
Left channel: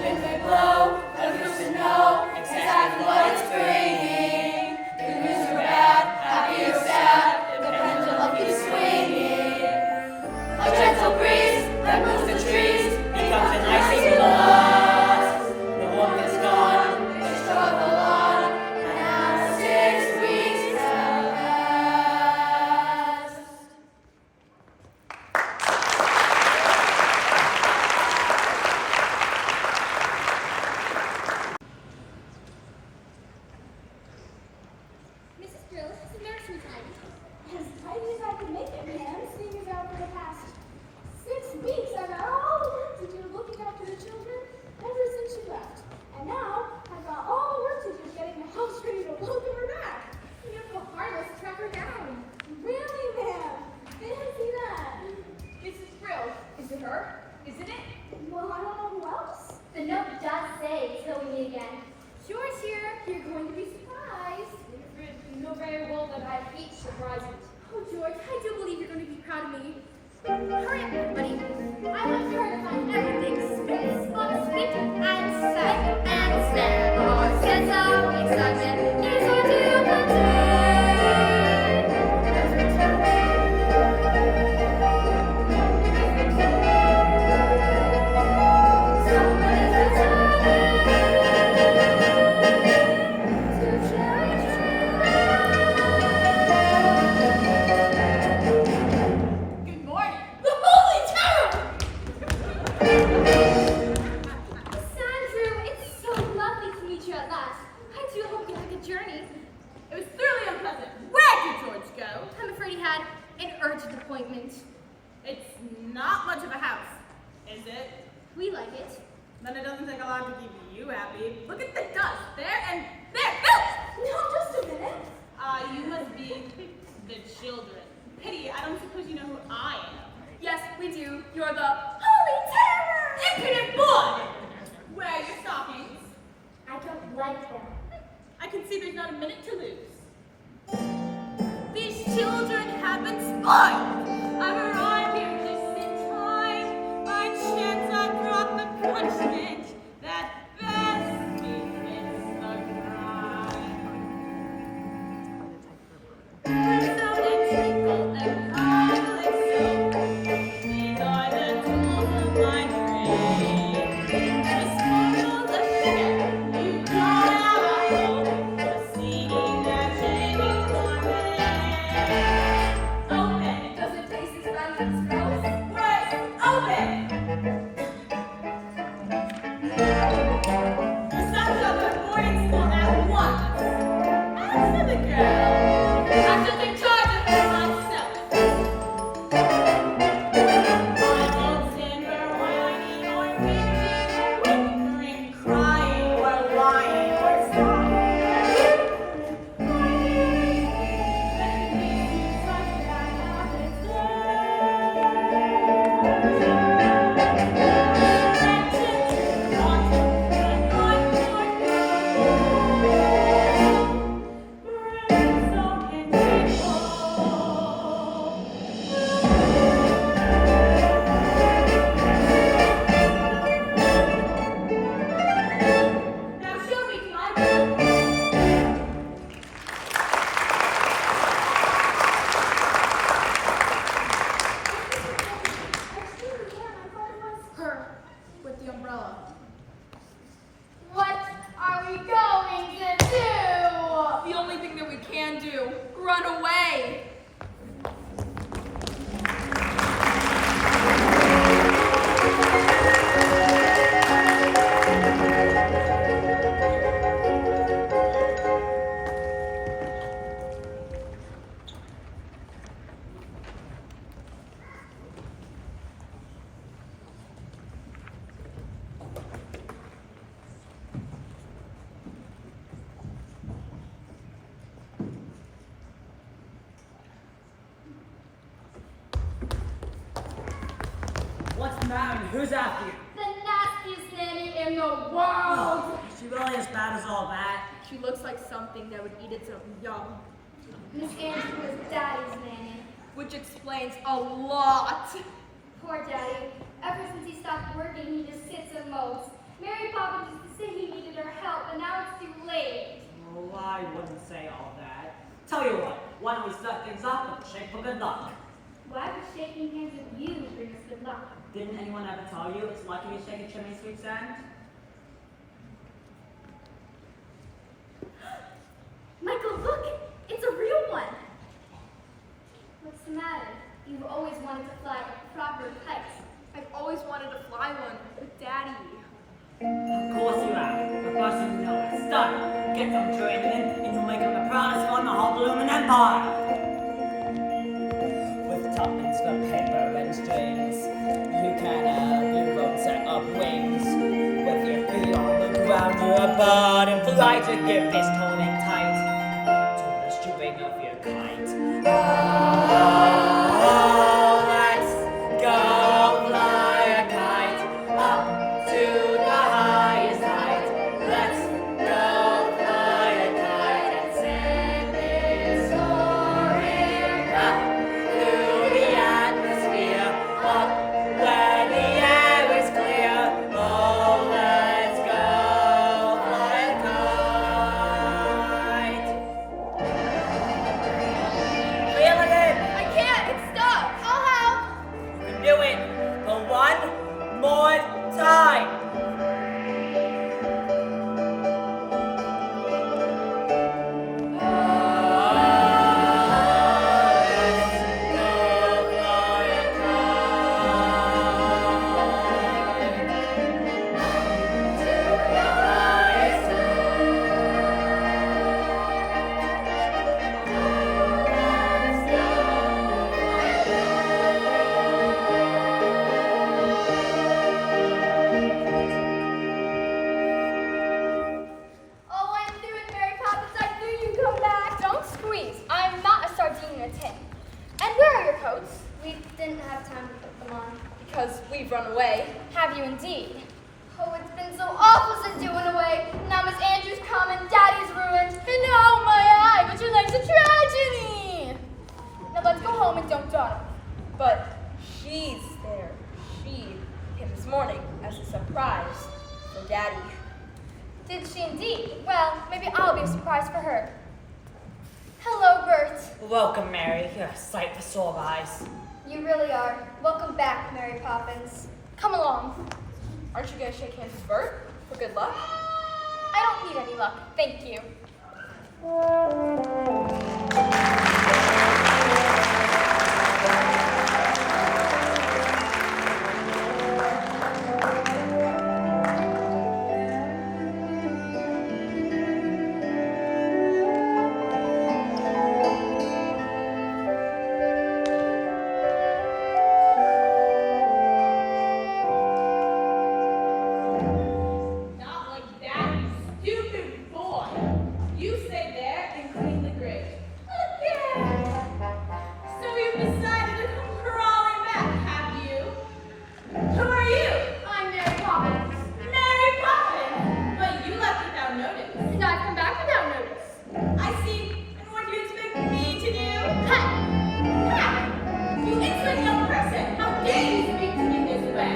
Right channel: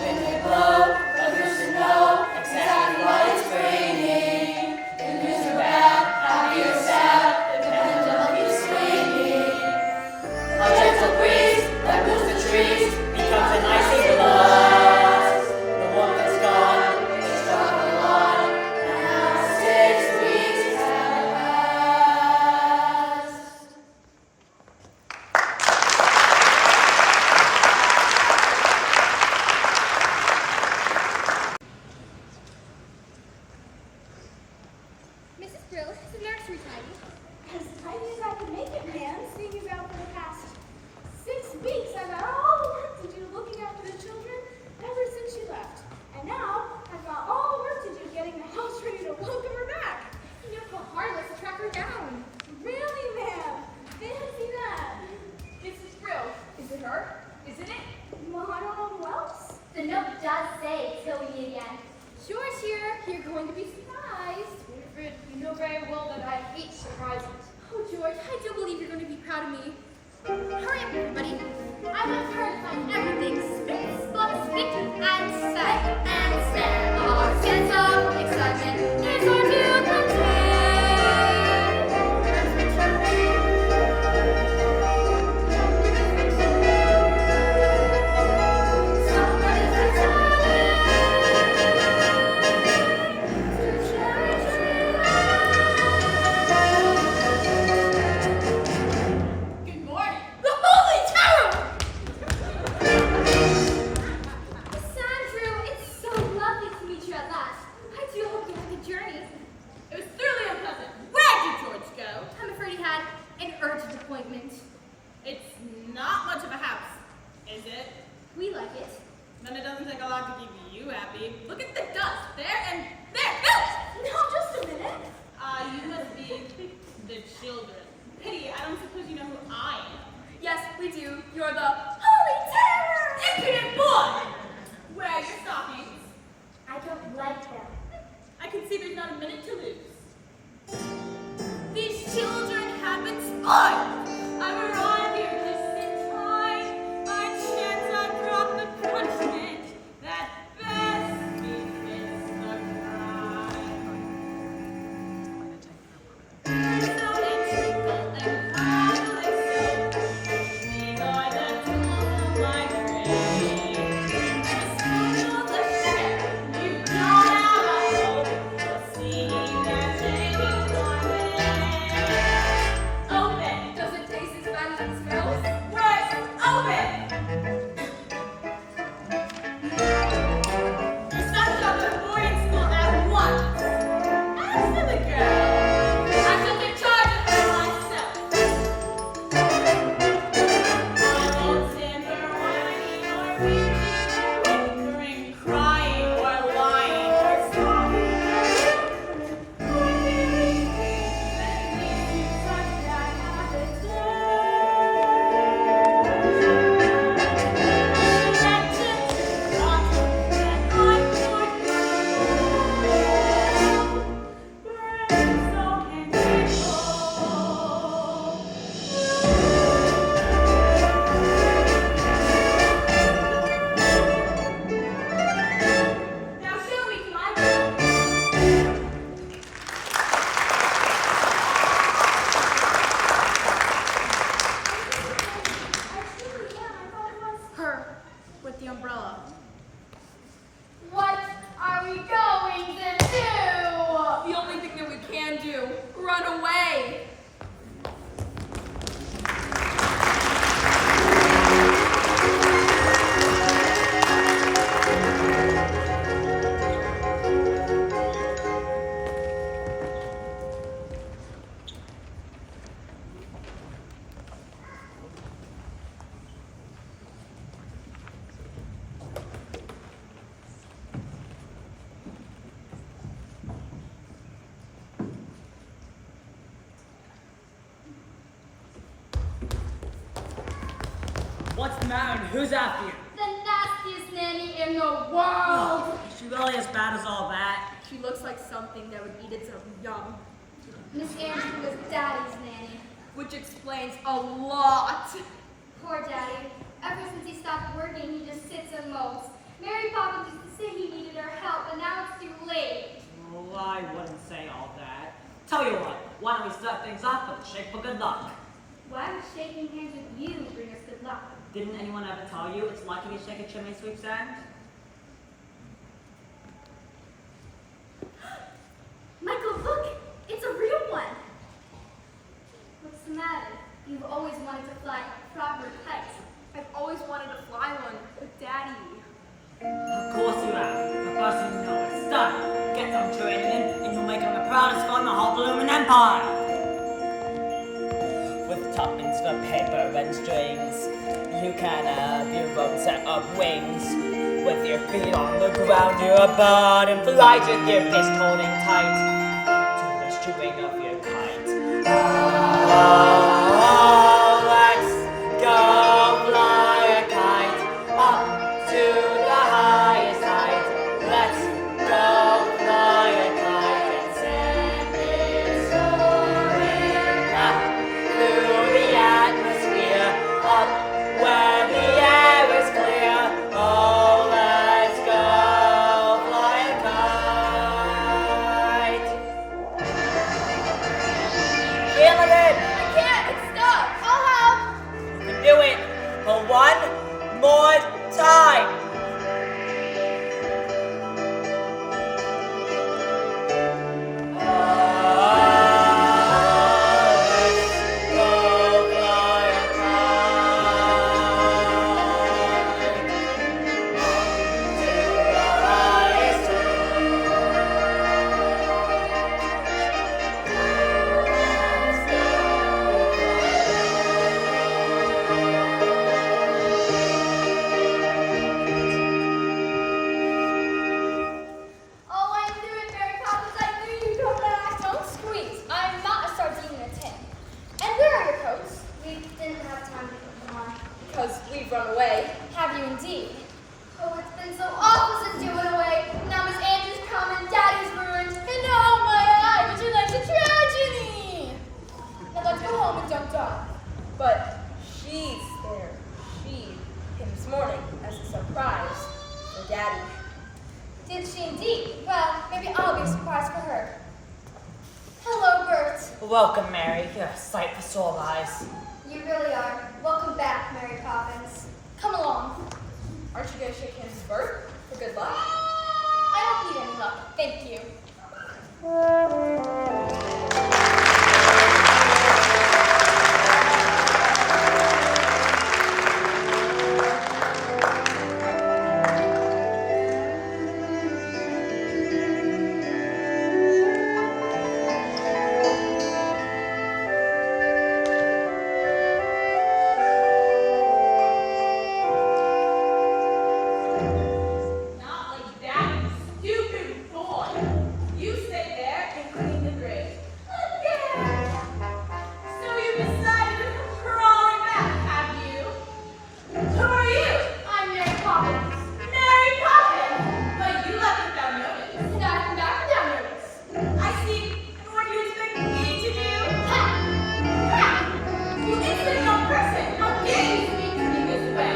When they blow, others to know exactly what it's bringing. The news are bad, happy or sad, the pendulum keeps swinging. A gentle breeze that moves the trees becomes an icy blast. The woman's gone, they struggle on, and as 6 weeks have passed. Mrs. Brill, this is the nursery tidy. As tidy as I could make it, ma'am, seeing as how for the past 6 weeks I've had all the work to do looking after the children ever since she left. And now I've got all the work to do getting the house ready to welcome her back. You know how hard it was to track her down. Really, ma'am? Fancy that. Mrs. Brill, is it her? Isn't it? Well, I don't know who else. The note does say till we meet again. George here, you're going to be surprised. Winifred, you know very well that I hate surprises. Oh, George, I do believe you're going to be proud of me. Hurry up, everybody. I want her to find everything spit, spot, spit, and set. And set. Our sense of excitement is going to contain. not much of a house, is it? We like it. Then it doesn't take a lot to keep you happy. Look at the dust there and there. Bill! Now, just a minute. You must be the children. Pity, I don't suppose you know who I am. Yes, we do. You're the Holy Terror! Impudent boy! Where are your stockings? I don't like them. I can see there's not a minute to lose. These children have been spoiled. I've arrived here just in time. By chance I brought the punishment that best befits the crime. Brimstone and treacle and garlic soap. These are the tools of my trade. To sprinkle the sugar, you don't have a hope. The seeing that changes on me. Open. Does it taste as bad as it smells? Right. Open. Your son's up to boarding school at once. As for the girl, I shall take charge of her myself. I won't timber whining or weeping or whimpering, crying or lying or sobbing. Let me do such bad habits. Now show me to my room. Her, with the umbrella. What are we going to do? The only thing that we can do, run away. What's the matter? Who's after you? The nastiest nanny in the world. Is she really as bad as all that? She looks like something that would eat its own young, Miss Andrew was Daddy's nanny. which explains a lot. Poor Daddy. Ever since he stopped working, he just sits and mopes. Mary Poppins used to say he needed her help, but now it's too late. Well, I wouldn't say all that. Tell you what, why don't we start things off with a shake for good luck? Why would shaking hands with you bring us good luck? Didn't anyone ever tell you it's lucky to shake a chimney sweep's hand? Michael, look! It's a real one! What's the matter? You've always wanted to fly a proper kite. I've always wanted to fly one with Daddy. Of course you have. But first you know it. Study. Get some training in, and you'll make him the proudest fun in the whole blooming empire. With tuppence for paper and strings, you can have your own set of wings. With your feet on the ground, you're a bird in flight with your fist holding tight to the string of your kite. Oh, let's go fly a kite up to the highest height. Let's go fly a kite and send it soaring up through the atmosphere, up where the air is clear. Oh, let's go fly a kite. Feeling it? I can't, it's stuck. I'll help! You can do it for one more time. because we've run away. Have you indeed? Oh, it's been so awful since you went away. Now Miss Andrews come and Daddy's ruined. And now my eye, but your life's a tragedy. Now let's go home and don't talk. But she's there. She came this morning as a surprise for Daddy. Did she indeed? Well, maybe I'll be a surprise for her. Hello, Bert. Welcome, Mary. You're a sight for sore eyes. You really are. Welcome back, Mary Poppins. Come along. Aren't you going to shake hands with Bert for good luck? I don't need any luck, thank you. Not like that, you stupid boy. You stay there and clean the grate. Again. So you decided to come crawling back, have you? Who are you? I'm Mary Poppins. Mary Poppins. But you left without notice. And I've come back without notice. I see. And what do you expect me to do? Ha! Ha! You insolent young person. How dare you speak to me this way?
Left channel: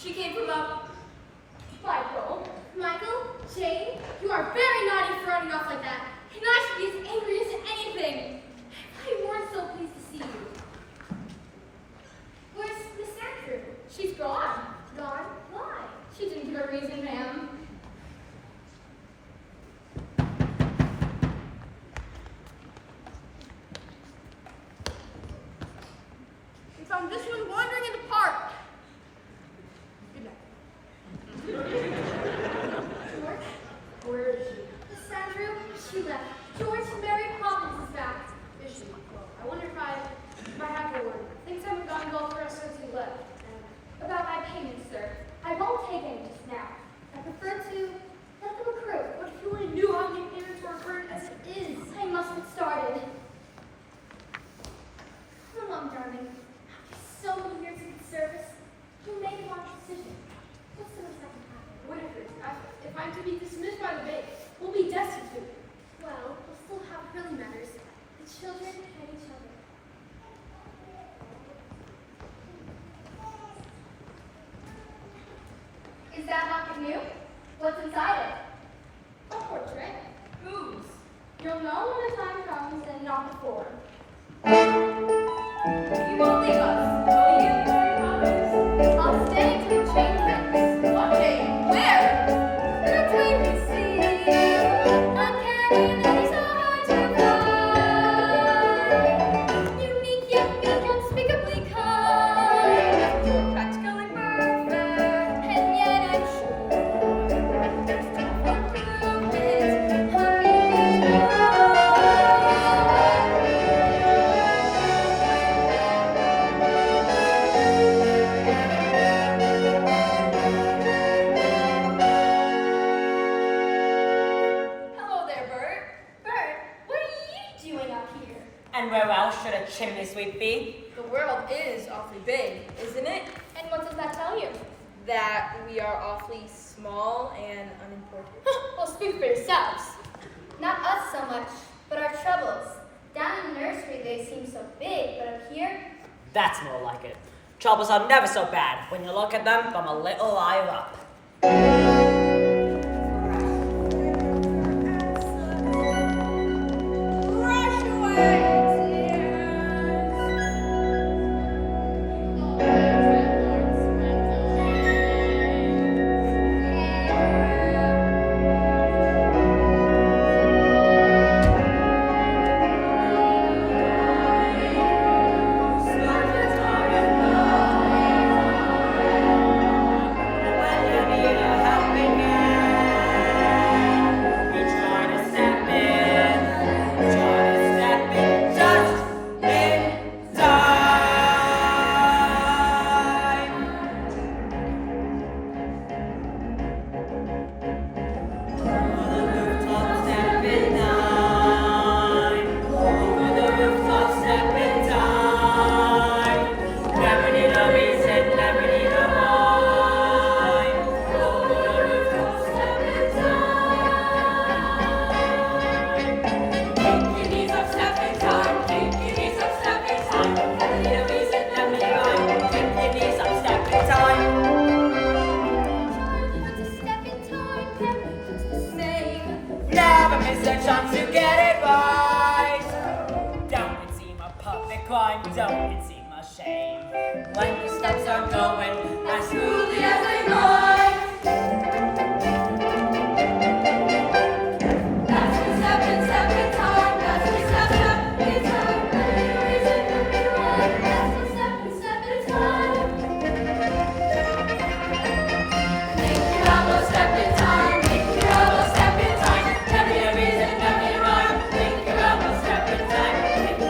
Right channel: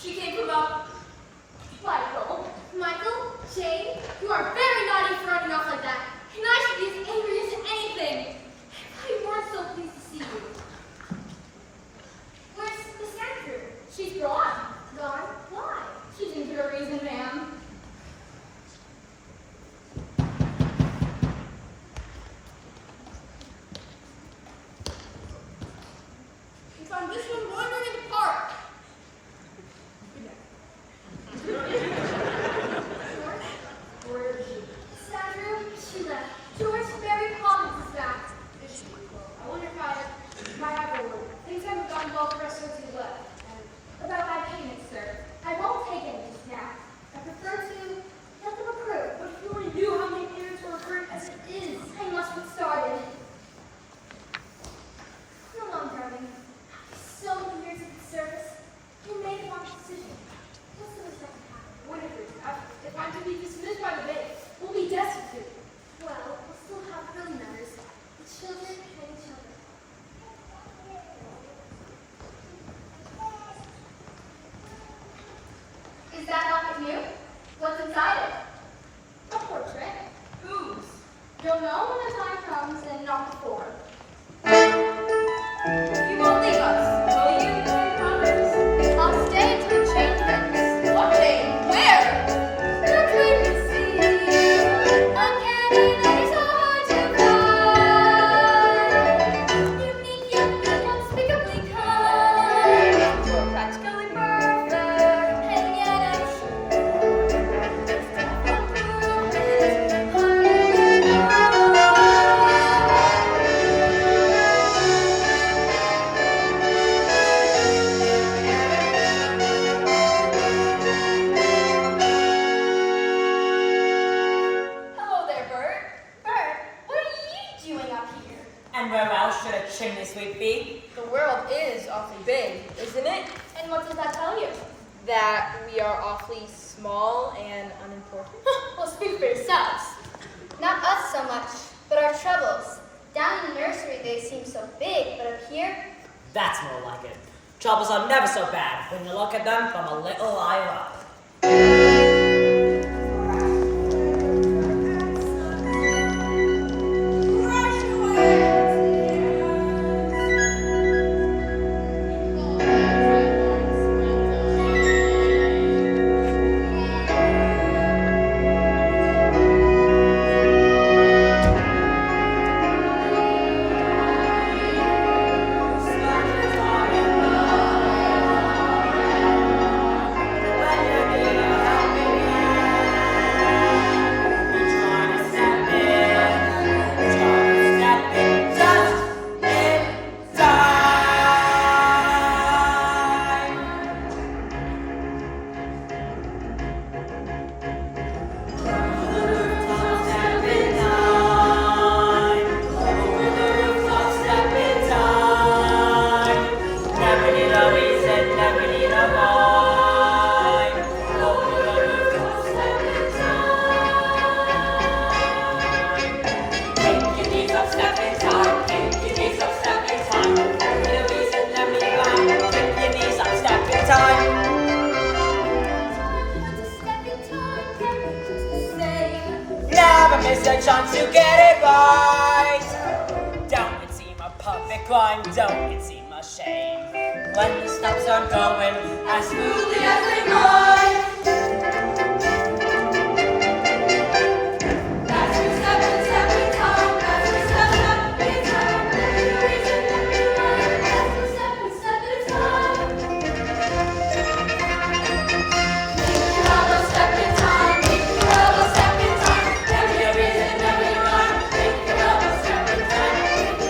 She came from a Michael. Michael? Jane? You are very naughty for running off like that. And I should be as angry as anything. I weren't so pleased to see you. Where's Miss Andrew? She's gone. Gone? Why? She didn't give a reason, ma'am. We found this one wandering in the park. Where is she? Miss Andrew? She left. George, Mary Poppins is back. Is she? I wonder if I have her word. Things haven't gone well for us since you left. About my payment, sir. I won't take any just now. I prefer to let them accrue. But if you only knew how many payments were accrued as it is. I must get started. Come along, darling. After so many years of service, you made the wrong decision. What's the worst that can happen? Whatever. If I'm to be dismissed by the bank, we'll be destitute. Well, we'll still have what really matters. The children and the children. Is that locket new? What's inside it? A portrait. Whose? You'll know when the time comes and not before. You won't leave us, will you, Mary Poppins? I'll stay until you change things. What day? Where? That's when you see uncanny that is hard to find. Unique yet unspeakably kind. You're practical and perfect, and yet I'm sure there's different purpose. should a chimney sweep be? The world is awfully big, isn't it? And what does that tell you? That we are awfully small and unimportant. Well, speak for yourselves. Not us so much, but our troubles. Down in the nursery they seem so big, but up here, That's more like it. Troubles are never so bad when you look at them from a little higher up. Miss a chance to get it right. Don't it seem a perfect crime? Don't it seem a shame when the steps are going as smoothly as they might? As we step in time, as we step in time, every reason that we run, as we step in time. Make your step in time, make your step in time, every reason that we run, make your step in time,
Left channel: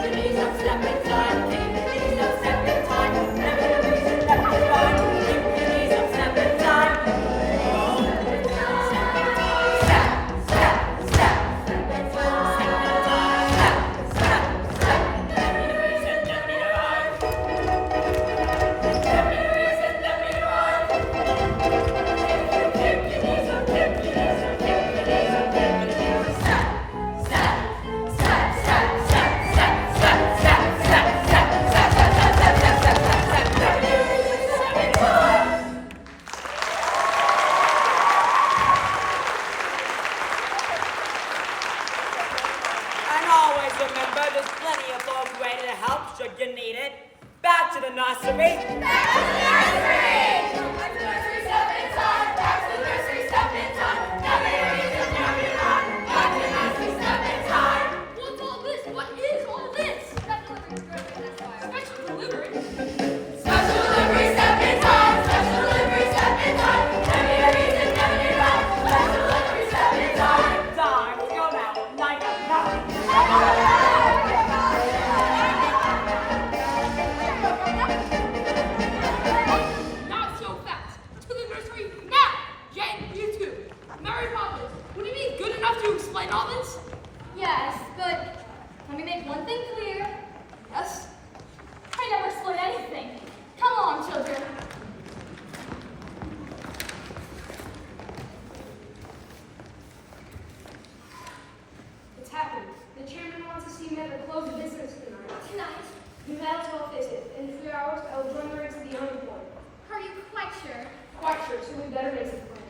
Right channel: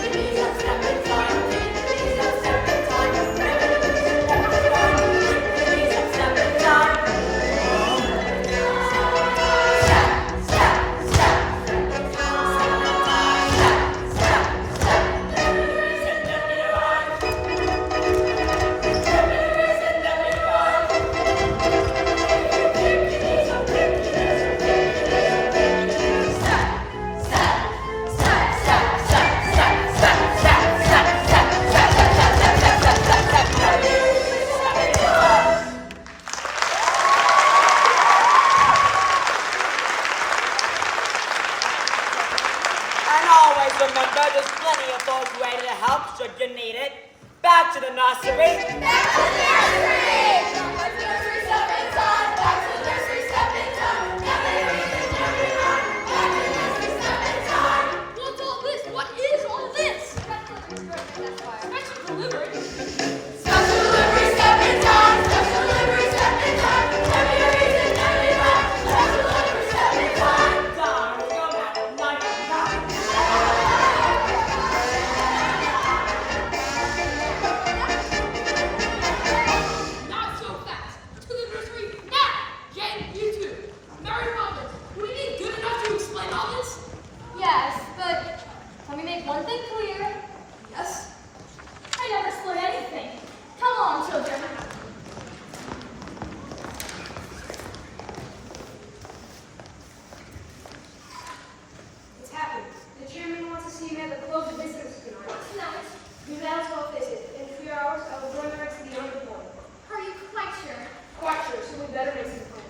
make your step in time, make your step in time, every reason that we run, make your step in time. And always remember, there's plenty of folks ready to help should you need it. Back to the nursery. What's all this? What is all this? Special delivery? Not so fast. To the nursery now. Jane, you too. Mary Poppins, would you be good enough to explain all this? Yes, but let me make one thing clear. Yes. I never explain anything. Come on, children. It's happened. The chairman wants to see me at the close of business tonight. Tonight, Do that as well, face it. In 3 hours, I will join her to the young point. are you quite sure? Quite sure, so who better makes the plan?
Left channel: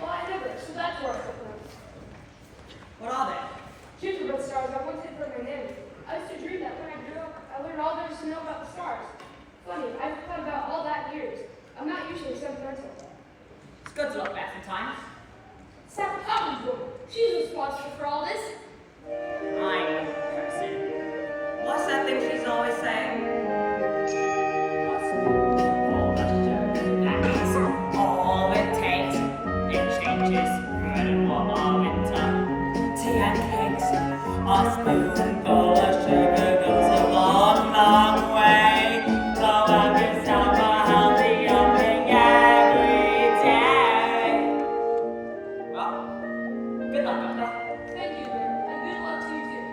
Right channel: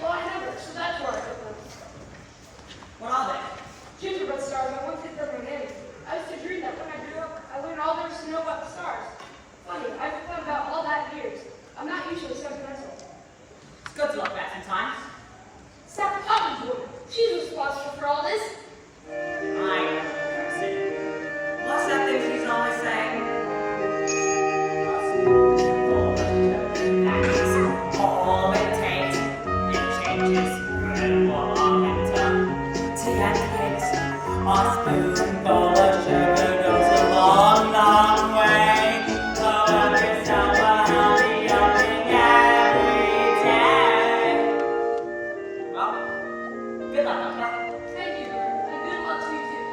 Well, I never, so that's where I put them. What are they? Gingerbread stars I once hid from humanity. I used to dream that when I grew up, I learned all there is to know about the stars. Funny, I've thought about all that in years. I'm not usually sentimental. It's good to look back sometimes. Stop Poppins would. She's responsible for all this. I know the person. What's that thing she's always saying? That means all it takes, it changes. Red water, winter, tea and cakes. A spoonful of sugar goes a long, long way. Blow up yourself a healthy young thing every day. Well, good luck, Doctor. Thank you, dear, and good luck to you too.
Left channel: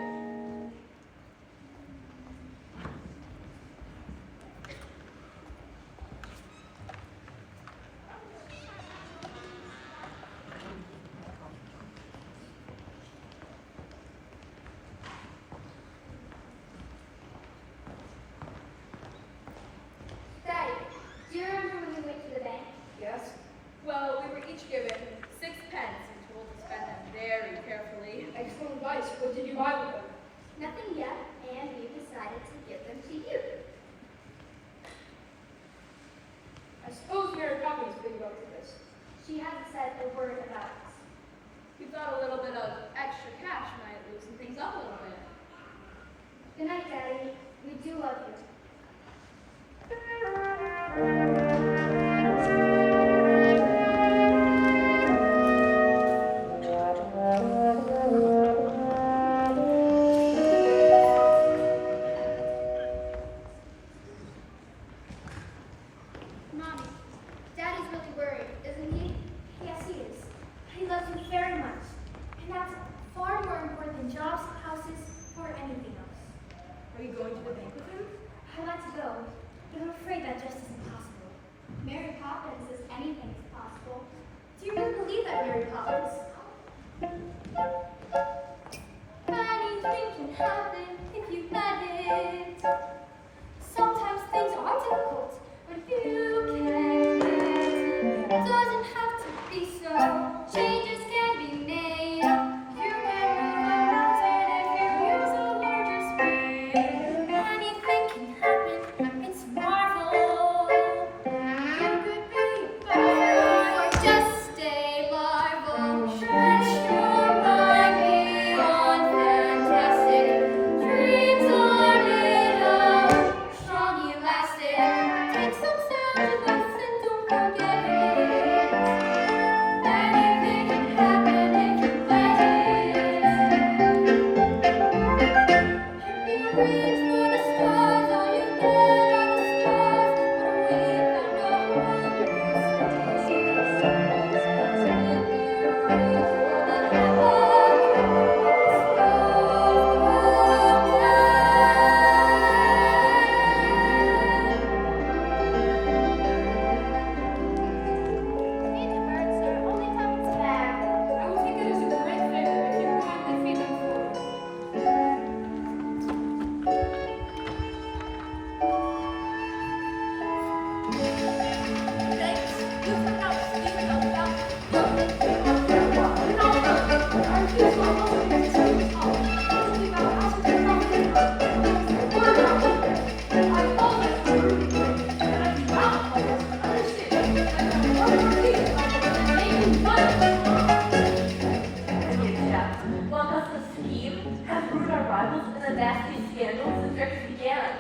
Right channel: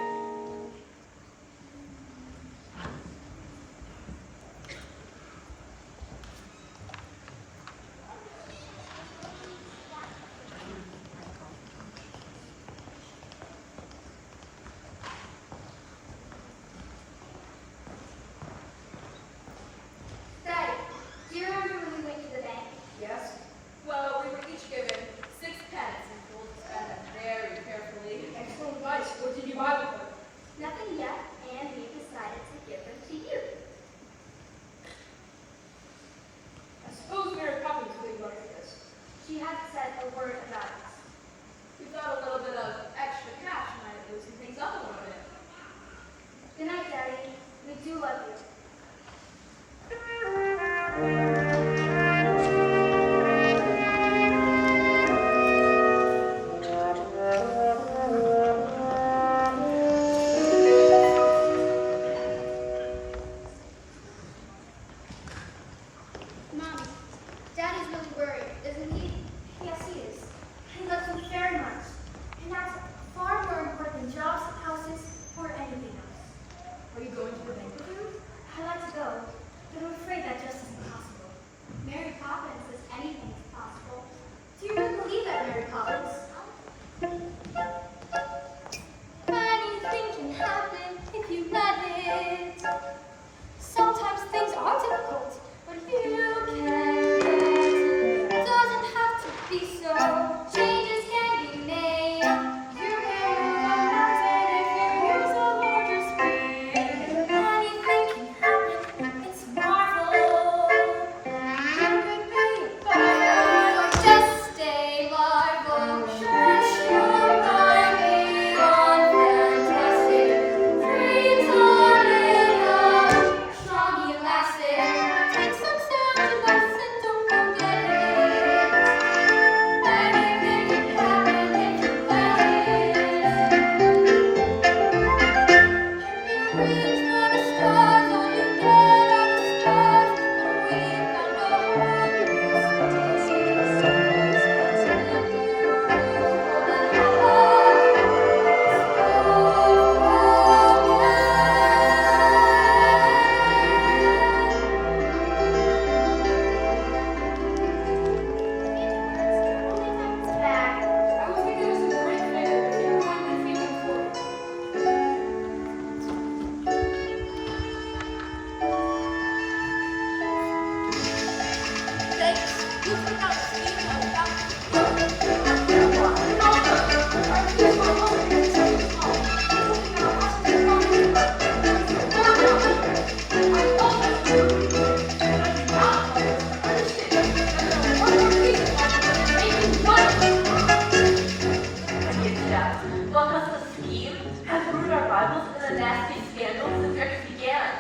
rivals and the nasty scandals the tricks began.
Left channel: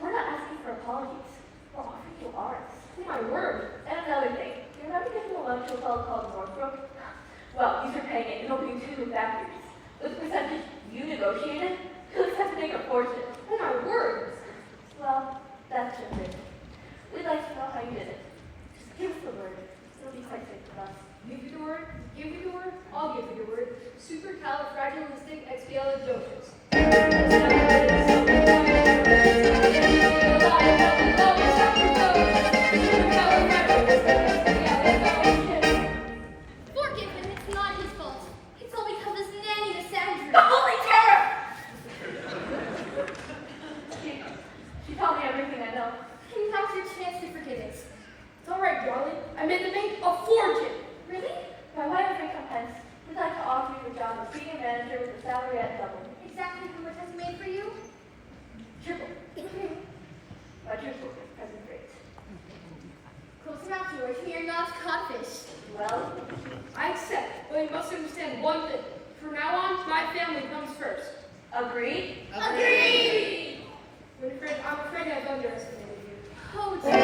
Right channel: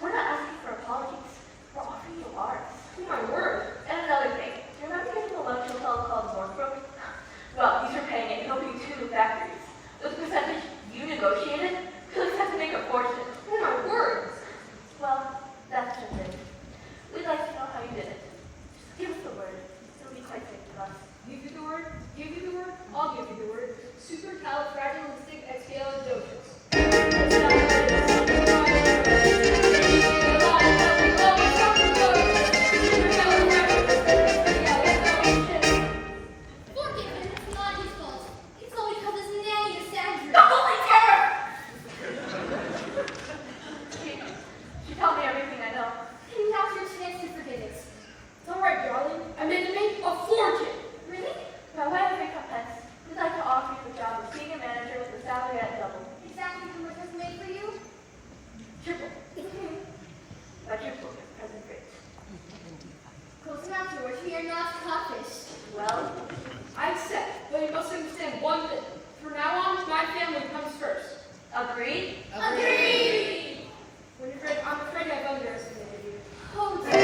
We're not asking for apologies. We're offering you ours. Oh my word. And another thing. Do you remember getting a lunch hotel called Northbrook? Well, these are paying it and helping you to new factories. Those percentage you negotiated could have to make a fortune. Oh my word. Well, that's the thing. We'd like to know how you did it. Just give us the word. It'll be quite safe with us. Give you the word? Give you the word? I'll give you the word. Supercalifragilisticexpialidocious. Forgive him, it's not his fault. It's all because his nanny is Sandra. The holy terror! She told me everything I know. And now's your chance to forget it. It's all right, darling. I made the make a fortune. Really? By way of recompense, we'd like to offer you the job of senior manager with a salary at double. Exactly how much was made for you? Triple. Quadruple at present rate. Close enough, George. We are not codfish. Well, I accept, but you must understand one thing. From now on, my family comes first. agreed? Agreed! Winifred, I'm afraid I've underestimated you. Oh, George. I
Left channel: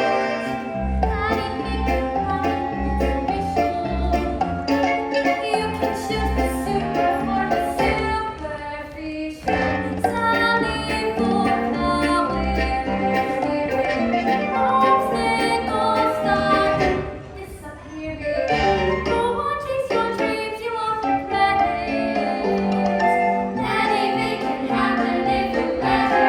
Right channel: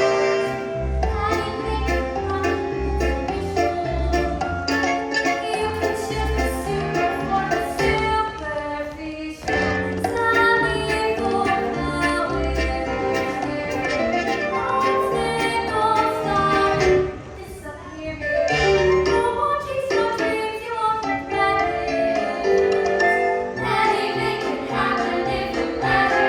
think wrong is you can shoot the super or the superficial. Tell me for how we're obstacles start disappearing. No more chase your dreams, you won't regret it. Anything can happen if you let it.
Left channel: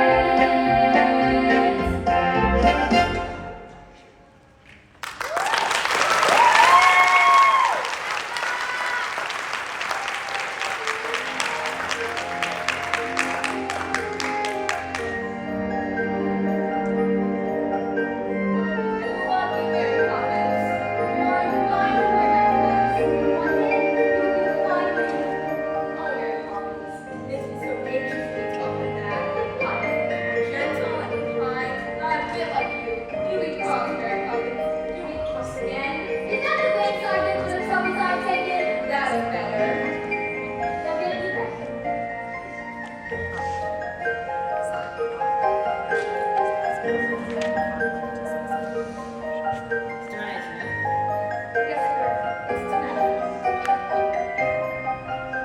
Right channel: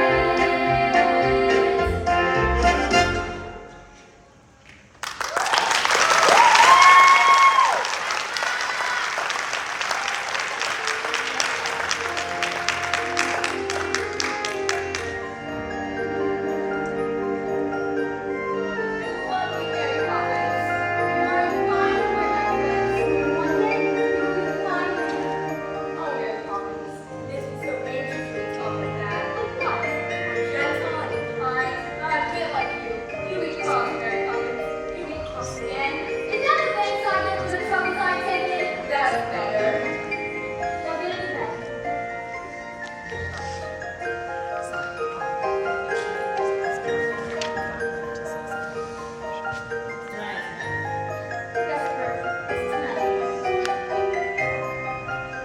I love you, Mary Poppins. You are a fine woman, one day you'll be a fine man. Oh, Mary Poppins, this is so anxious when you talk like that. Like what? You're gentle and kind, not a bit like you. You be cross, Mary Poppins. You be cross again. Is that the bank sergeant for the troubles I've taken? That's better. Now get into bed. Tonight, isn't it? Yes, sir. It's tonight.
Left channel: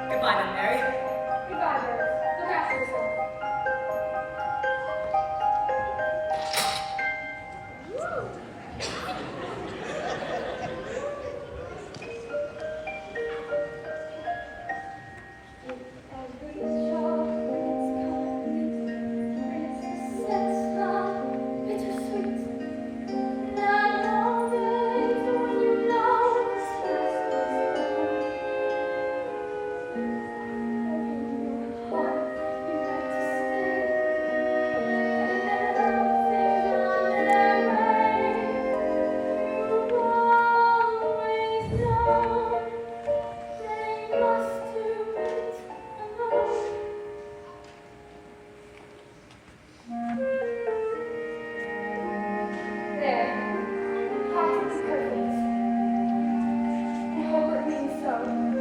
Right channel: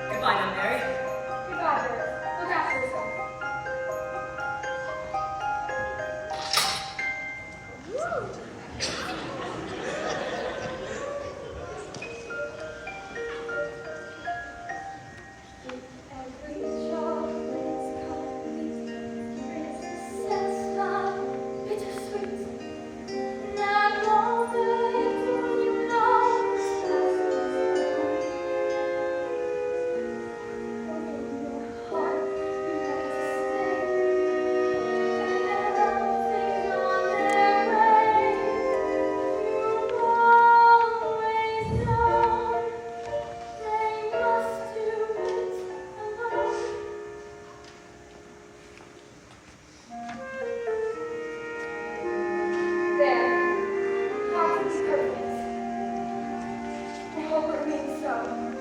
Goodbye now, Mary. Goodbye, Bert. Look after yourself. Every chocolate's complete, brings the sense of bittersweet. And always when you know the past is gone, in your heart you like to stay. And now things on their way. You've always known they must do it alone. There. Absolutely perfect. I hope it means so.